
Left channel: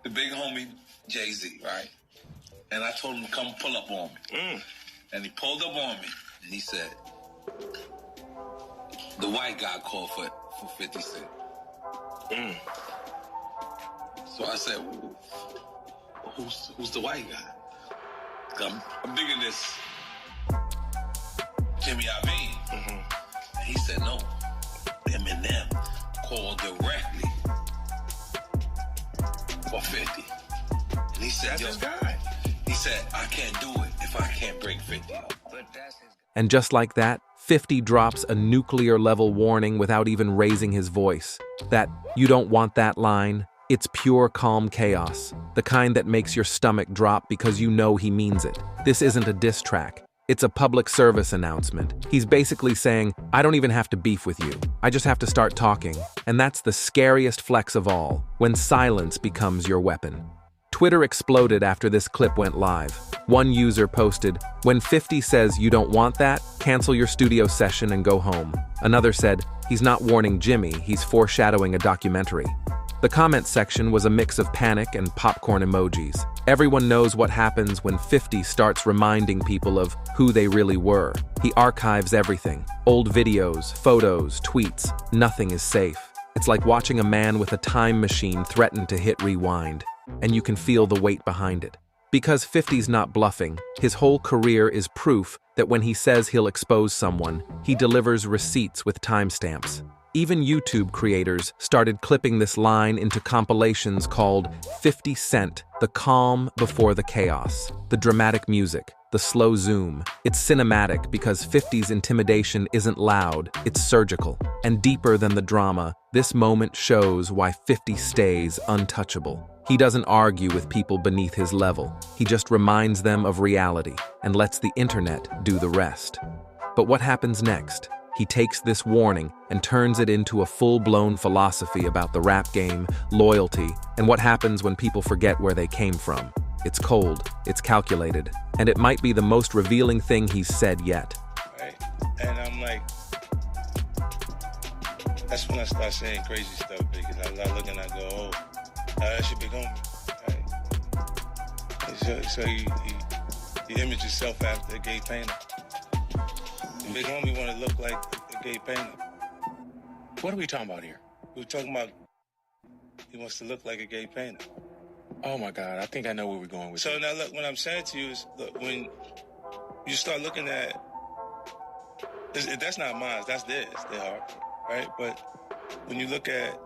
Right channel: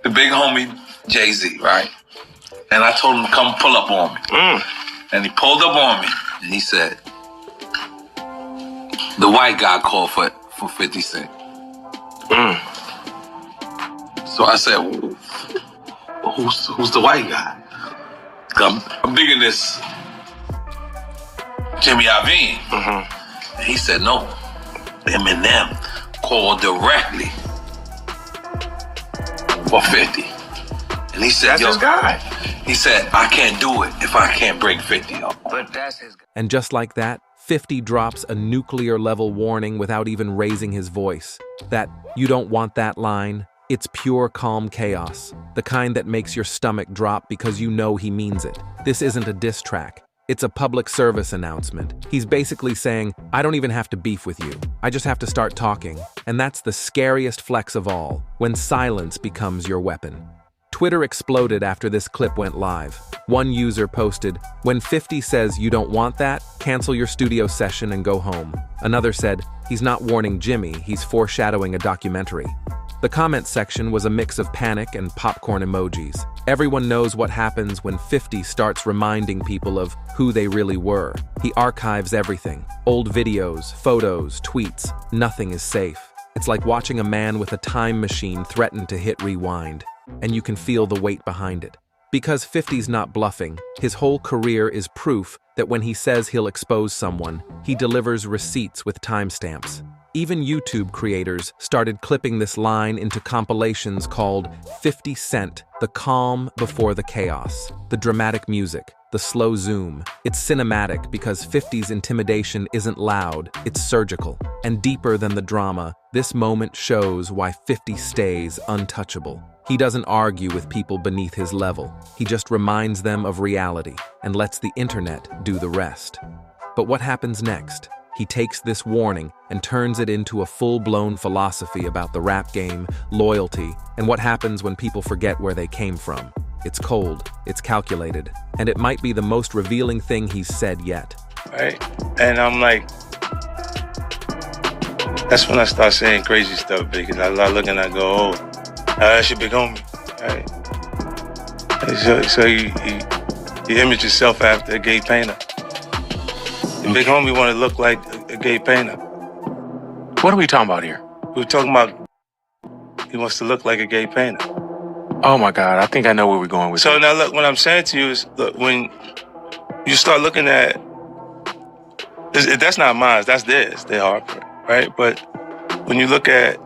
the big homie Jay-Z, right? And I told him to come pull up on me. And he pulled up on me, and he said, the white guy called for 50 Cent. So I said, who's the white guy? I'm digging this Jimmy Iovine. And he said, no, Eminem called directly for 50. And he said, that's his guy. He said, I can't do it if I can't break 50 up. But that's his guy. And just like that, 50 drops a nuclear-level warning without even raising his voice. That "you don't want that" line, it's pure calm chaos, the kind that makes your stomach drop because you know he means it. This isn't a diss track. It's a public service announcement. He's basically saying, I don't even have to beef with you. I just have to start talking. And that's the scariest flex of all, when silence becomes your weapon. Twitter exploded after this clip went live. One user posted, when 50 says you don't want that, cancel your studio session and go home. Another said, he's not warning Jimmy, he's foreshadowing a documentary. The comment section was a mix of panic and popcorn emojis. Everyone knows what happens when 50 starts reminding people of who they really were. He archives everything. Old videos, photos, tweets. Nothing is safe. It's like watching a man with a time machine threaten to hit rewind. And you can feel the weight behind it. Because 50's not bluffing, his whole career is proof that when he says he'll expose someone, he delivers receipts with timestamps. Even YouTube creators started clipping this line into compilations called 50 Cent, the calm before the chaos, the dramatic music, the slow zoom. It's cinematic because 50's intimidation isn't loud, it's surgical. And deeper than the drama, this moment shows why 50 stays untouchable. He doesn't argue with people beneath his level. He just reminds them of reality and lets the internet do the rest. But what happens next? He takes this warning and turns it into a full-blown philosophy about the rap game, loyalty, and what happens when people forget where they came from. It's cold, it's calculated, and it might be the most revealing thing he's said yet. Right? And I'm like, that's when I start saying crazy stuff, because I look and I go, oh, that's your big homie, right? And so you image yourself after a gay painter. The big homie want to look like a gay painter. What are we talking about here? We're talking about he wants to look like a gay painter. Oh my God, I think I know where we're going with So this. now look, what I'm saying to you is, look, when you start looking at, that's not mine, that's theirs, their heartbreak, right? But when you look at,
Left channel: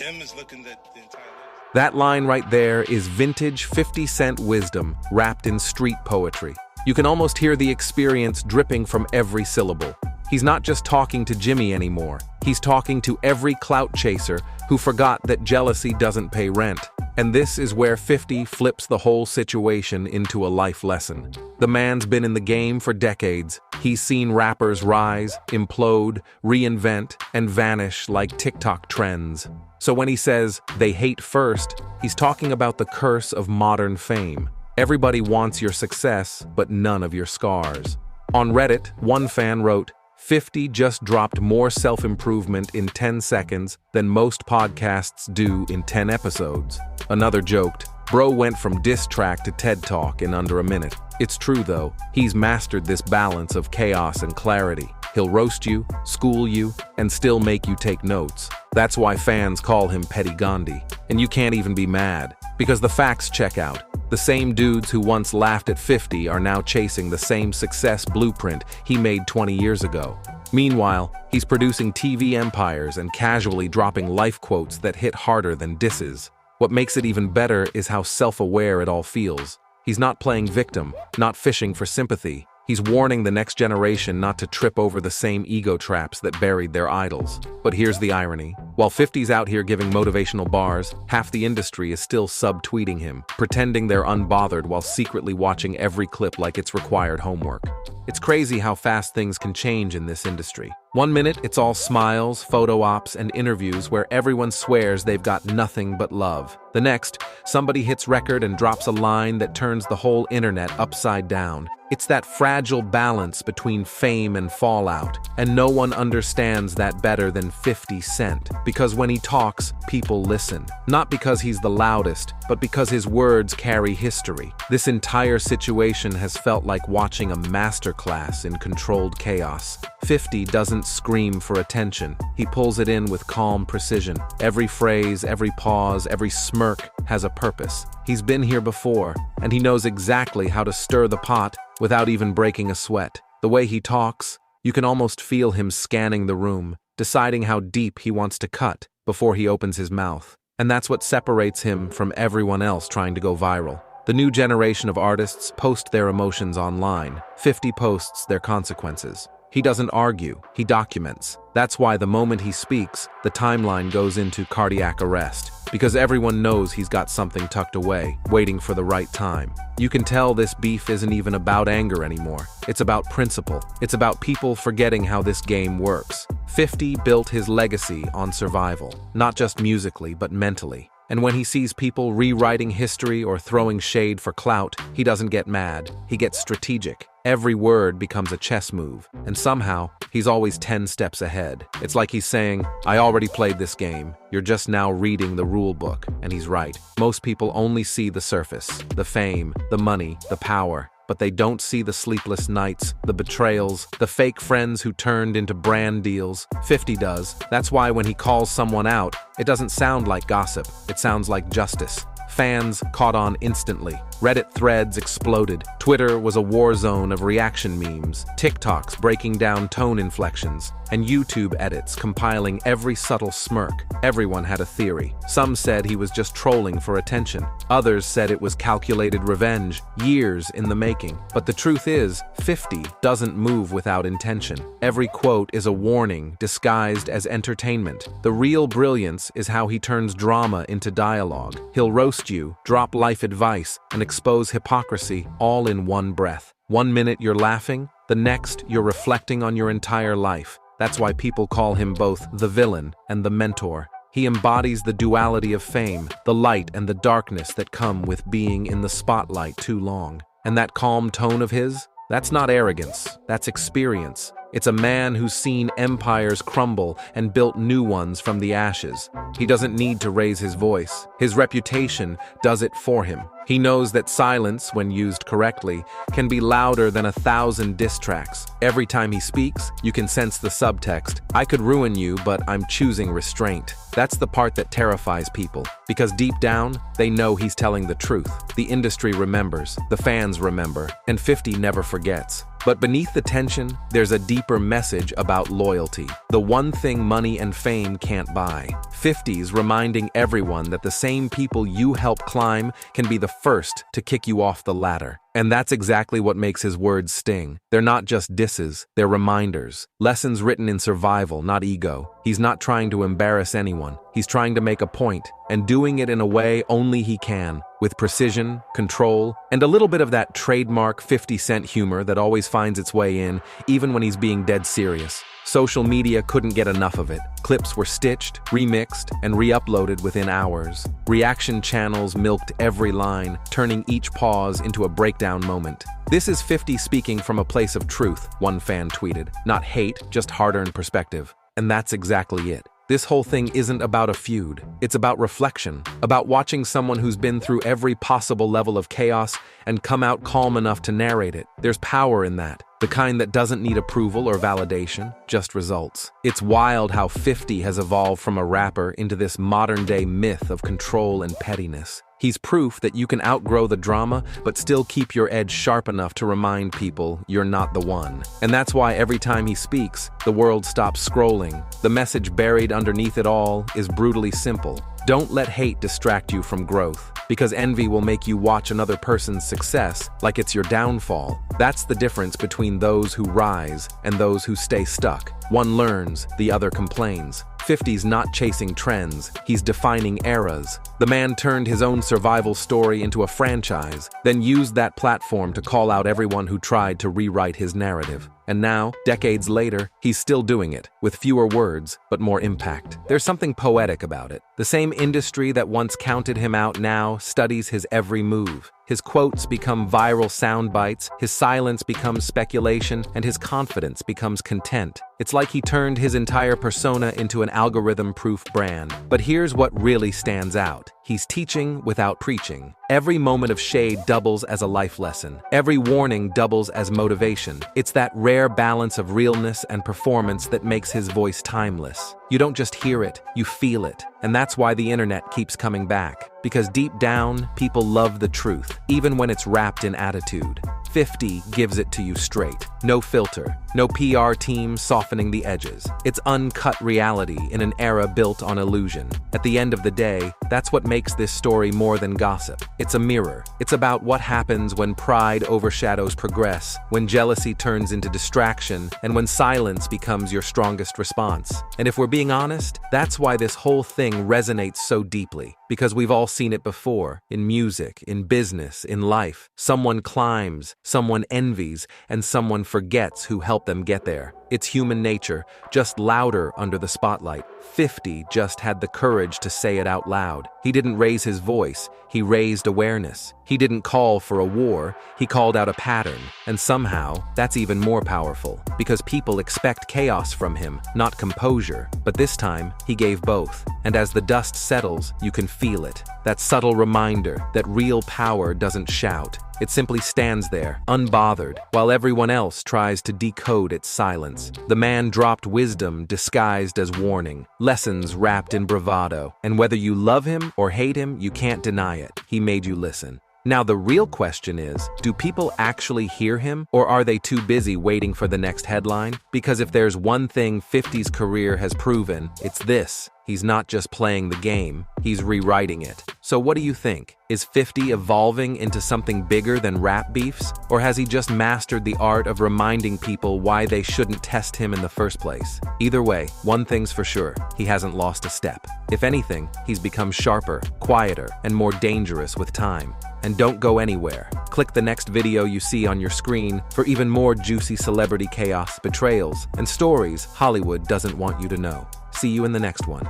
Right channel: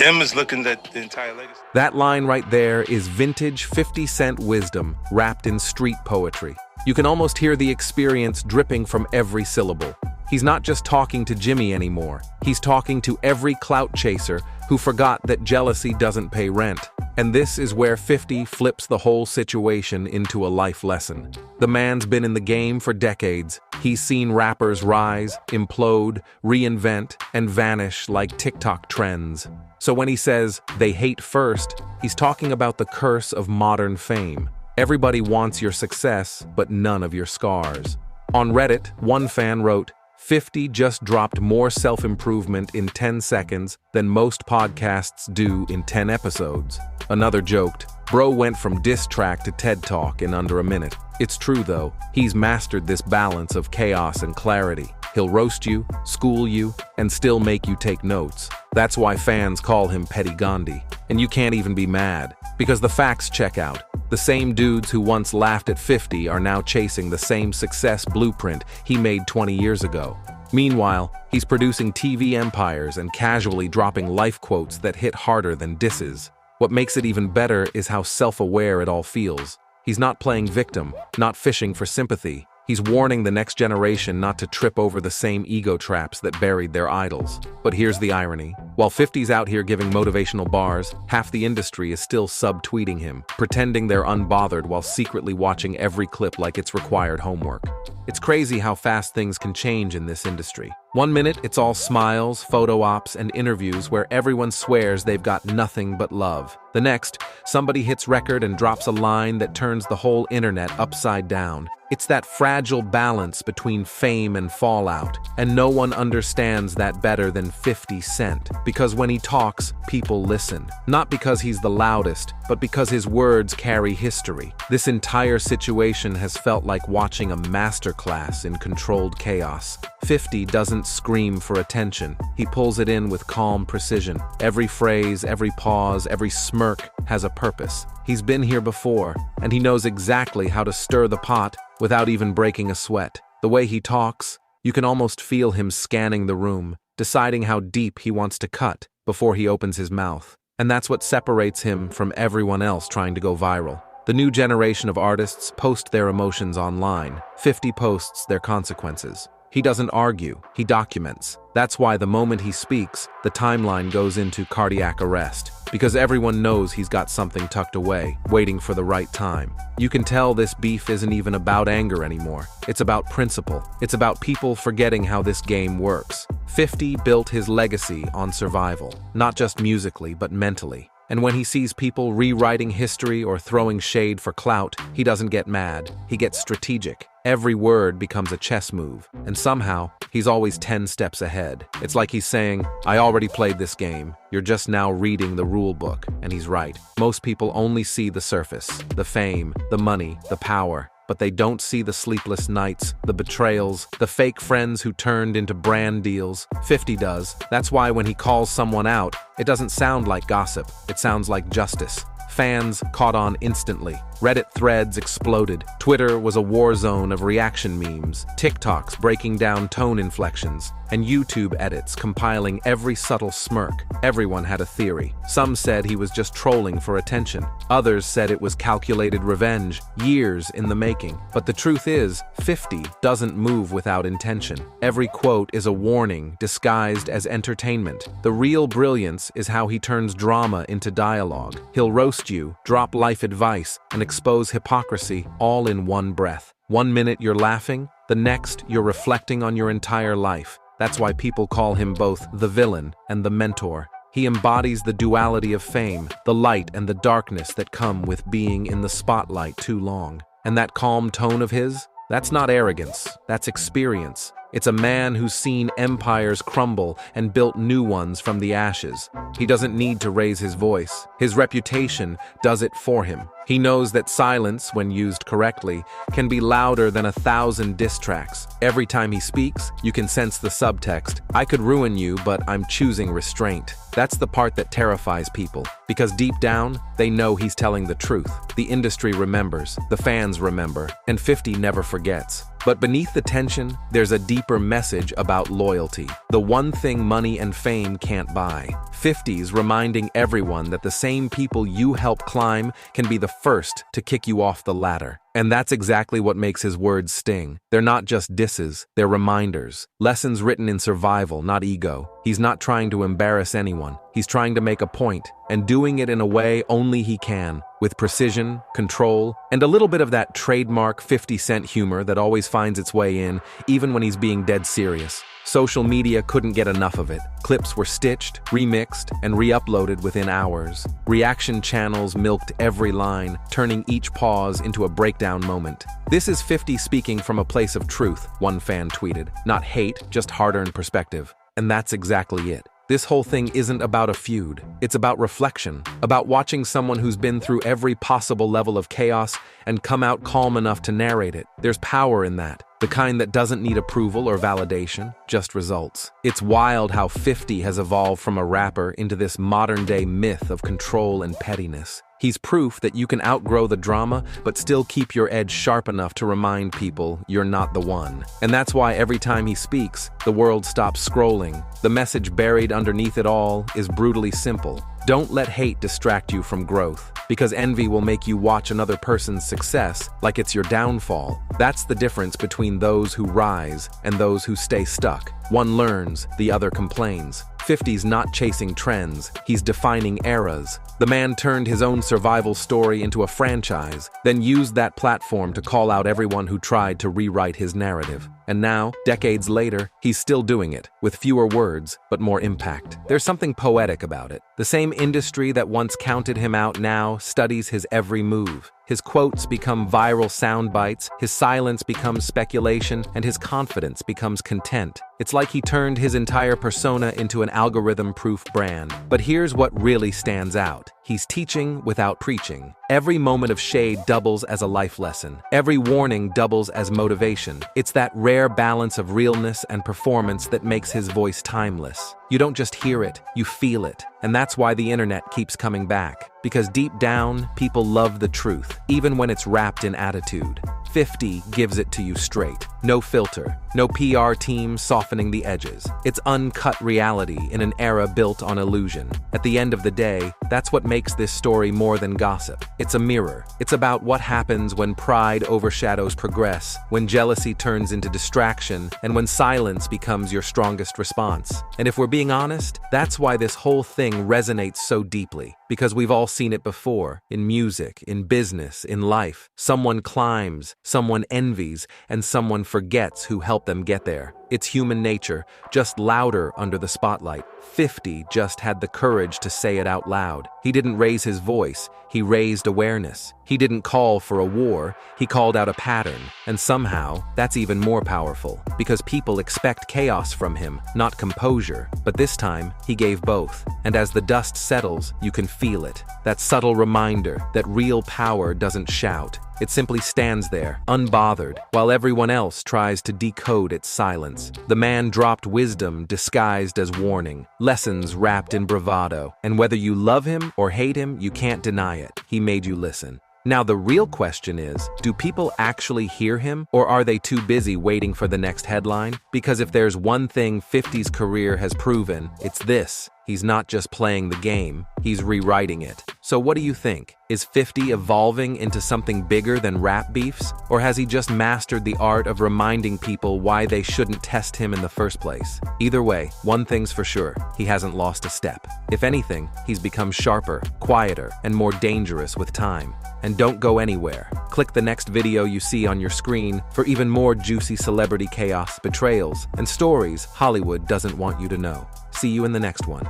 M is looking at the entire legacy. That line right there is vintage 50 Cent wisdom wrapped in street poetry. You can almost hear the experience dripping from every syllable. He's not just talking to Jimmy anymore. He's talking to every clout chaser who forgot that jealousy doesn't pay rent. And this is where 50 flips the whole situation into a life lesson. The man's been in the game for decades. He's seen rappers rise, implode, reinvent, and vanish like TikTok trends. So when he says, they hate first, he's talking about the curse of modern fame. Everybody wants your success, but none of your scars. On Reddit, one fan wrote, 50 just dropped more self-improvement in 10 seconds than most podcasts do in 10 episodes. Another joked, bro went from diss track to TED Talk in under a minute. It's true though, he's mastered this balance of chaos and clarity. He'll roast you, school you, and still make you take notes. That's why fans call him Petty Gandhi. And you can't even be mad, because the facts check out. The same dudes who once laughed at 50 are now chasing the same success blueprint he made 20 years ago. Meanwhile, he's producing TV empires and casually dropping life quotes that hit harder than disses. What makes it even better is how self-aware it all feels. He's not playing victim, not fishing for sympathy. He's warning the next generation not to trip over the same ego traps that buried their idols. But here's the irony. While 50's out here giving motivational bars, half the industry is still sub-tweeting him, pretending they're unbothered while secretly watching every clip like it's required homework. It's crazy how fast things can change in this industry. One minute, it's all smiles, photo ops, and interviews where everyone swears they've got nothing but love. The next, somebody hits record and drops a line that turns the whole internet upside down. It's that fragile balance between fame and fallout, and no one understands that better than 50 Cent. Because when he talks, people listen. Not because he's the loudest, but because his words carry history. This entire situation has felt like watching a masterclass in controlled chaos. 50 doesn't scream for attention. He pulls it in with calm precision. Every phrase, every pause, every smirk has a purpose. He's been here before, and he knows exactly how to stir the pot without even breaking a sweat. The way he talks, you can almost feel him scanning the room, deciding how deep he wants to cut before he opens his mouth. And that's what separates him from everyone else trying to go viral. The new generation of artists post their emotions online. 50 posts their consequences. He doesn't argue, he documents. That's why the moment he speaks, the timeline goes into cardiac arrest. Because everyone knows he's got something tucked away, waiting for the right time. You can tell this beef isn't even about anger anymore. It's about principle. It's about people forgetting how this game works. 50 built his legacy on survival, not just musically, but mentally. And when he sees people rewriting history or throwing shade for clout, he doesn't get mad. He gets strategic. Every word becomes a chess move, and somehow, he's always 10 steps ahead. It's like he's saying, I already played this game. You're just now reading the rule book. And he's right. Most people only see the surface, the fame, the money, the power. But they don't see the sleepless nights, the betrayals, the fake friends who turned into brand deals. 50 does. That's why when he calls someone out, it doesn't sound like gossip. It sounds like justice. Fans caught on instantly. Reddit threads exploded. Twitter was a war zone of reaction memes, TikToks breaking down tone inflections, and YouTube edits compiling every subtle smirk. Everyone had a theory. Some said he was just trolling for attention. Others said it was calculated revenge, years in the making. But the truth is, 50 doesn't move without intention. Every quote is a warning disguised as entertainment. The real brilliance is how he turns drama into dialogue. He'll roast you, drop life advice, and expose hypocrisy all in one breath. 1 minute you're laughing, the next you're reflecting on your entire life. That's why people call him both the villain and the mentor. He embodies the duality of fame, the light and the darkness that come with being in the spotlight too long. And that calm tone of his, that's not arrogance, that's experience. It's a man who's seen empires crumble and built new ones from the ashes. He doesn't need to raise his voice. His reputation does it for him. He knows that silence, when used correctly, can be louder than 1,000 diss tracks. Every time he speaks, you can sense the subtext. I could ruin you, but I'm choosing restraint. That's the part that terrifies people, because deep down, they know he's telling the truth. The industry remembers, the fans remember, and 50 never forgets. But beneath the tension, there's a deeper message about loyalty. The one thing money and fame can't buy. 50's reminding everyone that the same people you help climb can be the first to kick you off the ladder. And that's exactly what makes his words sting. They're not just disses, they're reminders. Lessons written in survival, not ego. He's not trying to embarrass anyone. He's trying to make a point, and doing it in a way only he can, with precision, control, and a little bit of that trademark 50-cent humor that always finds its way in, even when he's being dead serious. Social media couldn't get enough of it. Clips were stitched, remixed, and re-uploaded within hours. Reaction channels milked every line, turning each pause into a breakdown moment. "This is 50 speaking from a place of truth," one fan tweeted. "Not hate, just hard-earned perspective." And that's exactly it. This whole thing isn't about a feud. It's about reflection, about watching someone who's been through every possible level of chaos and come out calm enough to narrate it. There's power in that, the kind that doesn't need approval or validation, just results. It's wild how 50 has evolved from a rapper into this modern-day myth of control and pettiness. He's proof that you can outgrow the drama, but still keep your edge sharp enough to remind people you're not the one. And that's why every time he speaks, the world stops scrolling. The message buried underneath it all is brutally simple. Don't let hate distract you from growth, because envy will make you watch another person's success like it's your downfall. That's the difference between those who rise and those who stay stuck. One learns, the other complains. 50's not chasing trends, he's defining eras. The man turned his own survival story into a franchise, then used that platform to call out everyone who tried to rewrite his narrative. And now, decades later, he's still doing it, with fewer words, but more impact. There's something poetic about it. The same industry that once counted him out now studies his every move. His quotes become viral sound bites, his silence becomes speculation, and his confidence becomes content. It's like he turned his entire persona into an algorithm-proof brand. But here's what really stands out. He's teaching without preaching. Every moment of shade doubles as a life lesson. Every warning doubles as motivation. It's that rare balance of realness and performance that makes his voice timeless. You don't just hear it, you feel it. And that's why the internet keeps coming back. Because deep down, people love the truth, even when it's wrapped in attitude. 50 gives it to you straight. No filter, no PR team softening the edges. It's uncut reality in an era built on illusion. At the end of the day, that's what makes this story more than gossip. It's a mirror. It's about what happens when pride overshadows progress, when jealousy turns into distraction, and when silence becomes your strongest response. And if we're being honest, that's why this whole thing resonates so deeply. Because we've all seen it before, in music, in business, in life. Someone climbs, someone envies, and someone forgets who helped them get there. It's human nature, just louder under the spotlight. 50 just had the courage to say it out loud. He didn't raise his voice, he raised awareness. He didn't call for a war, he called out a pattern. And somehow, that's even more powerful, because people expect chaos from him, not composure. But this time, he gave both. And as the dust settles, you can feel it. That subtle reminder that real power doesn't shout. It simply stands there, unbothered, while everyone else tries to decode its silence. The man dropped wisdom disguised as warning, lessons wrapped in bravado. And whether you love him or hate him, you can't deny it. He made you listen. Now the real question is, do people actually hear him, or are they too busy waiting for the next headline? Because if there's one thing 50's career has proven, it's this. He's not just playing the game, he's rewriting it. So what do you think? Is 50 evolving into something bigger than rap beefs? Or has he just mastered the art of reminding people why they shouldn't test him in the first place? Either way, one thing's for sure, he hasn't lost a step. If anything, he's become sharper, quieter, and more dangerous with time. And don't go anywhere. Click the next video you see on your screen for even more juicy celebrity chaos, betrayals, and stories Hollywood doesn't want you to know. See you in the next one.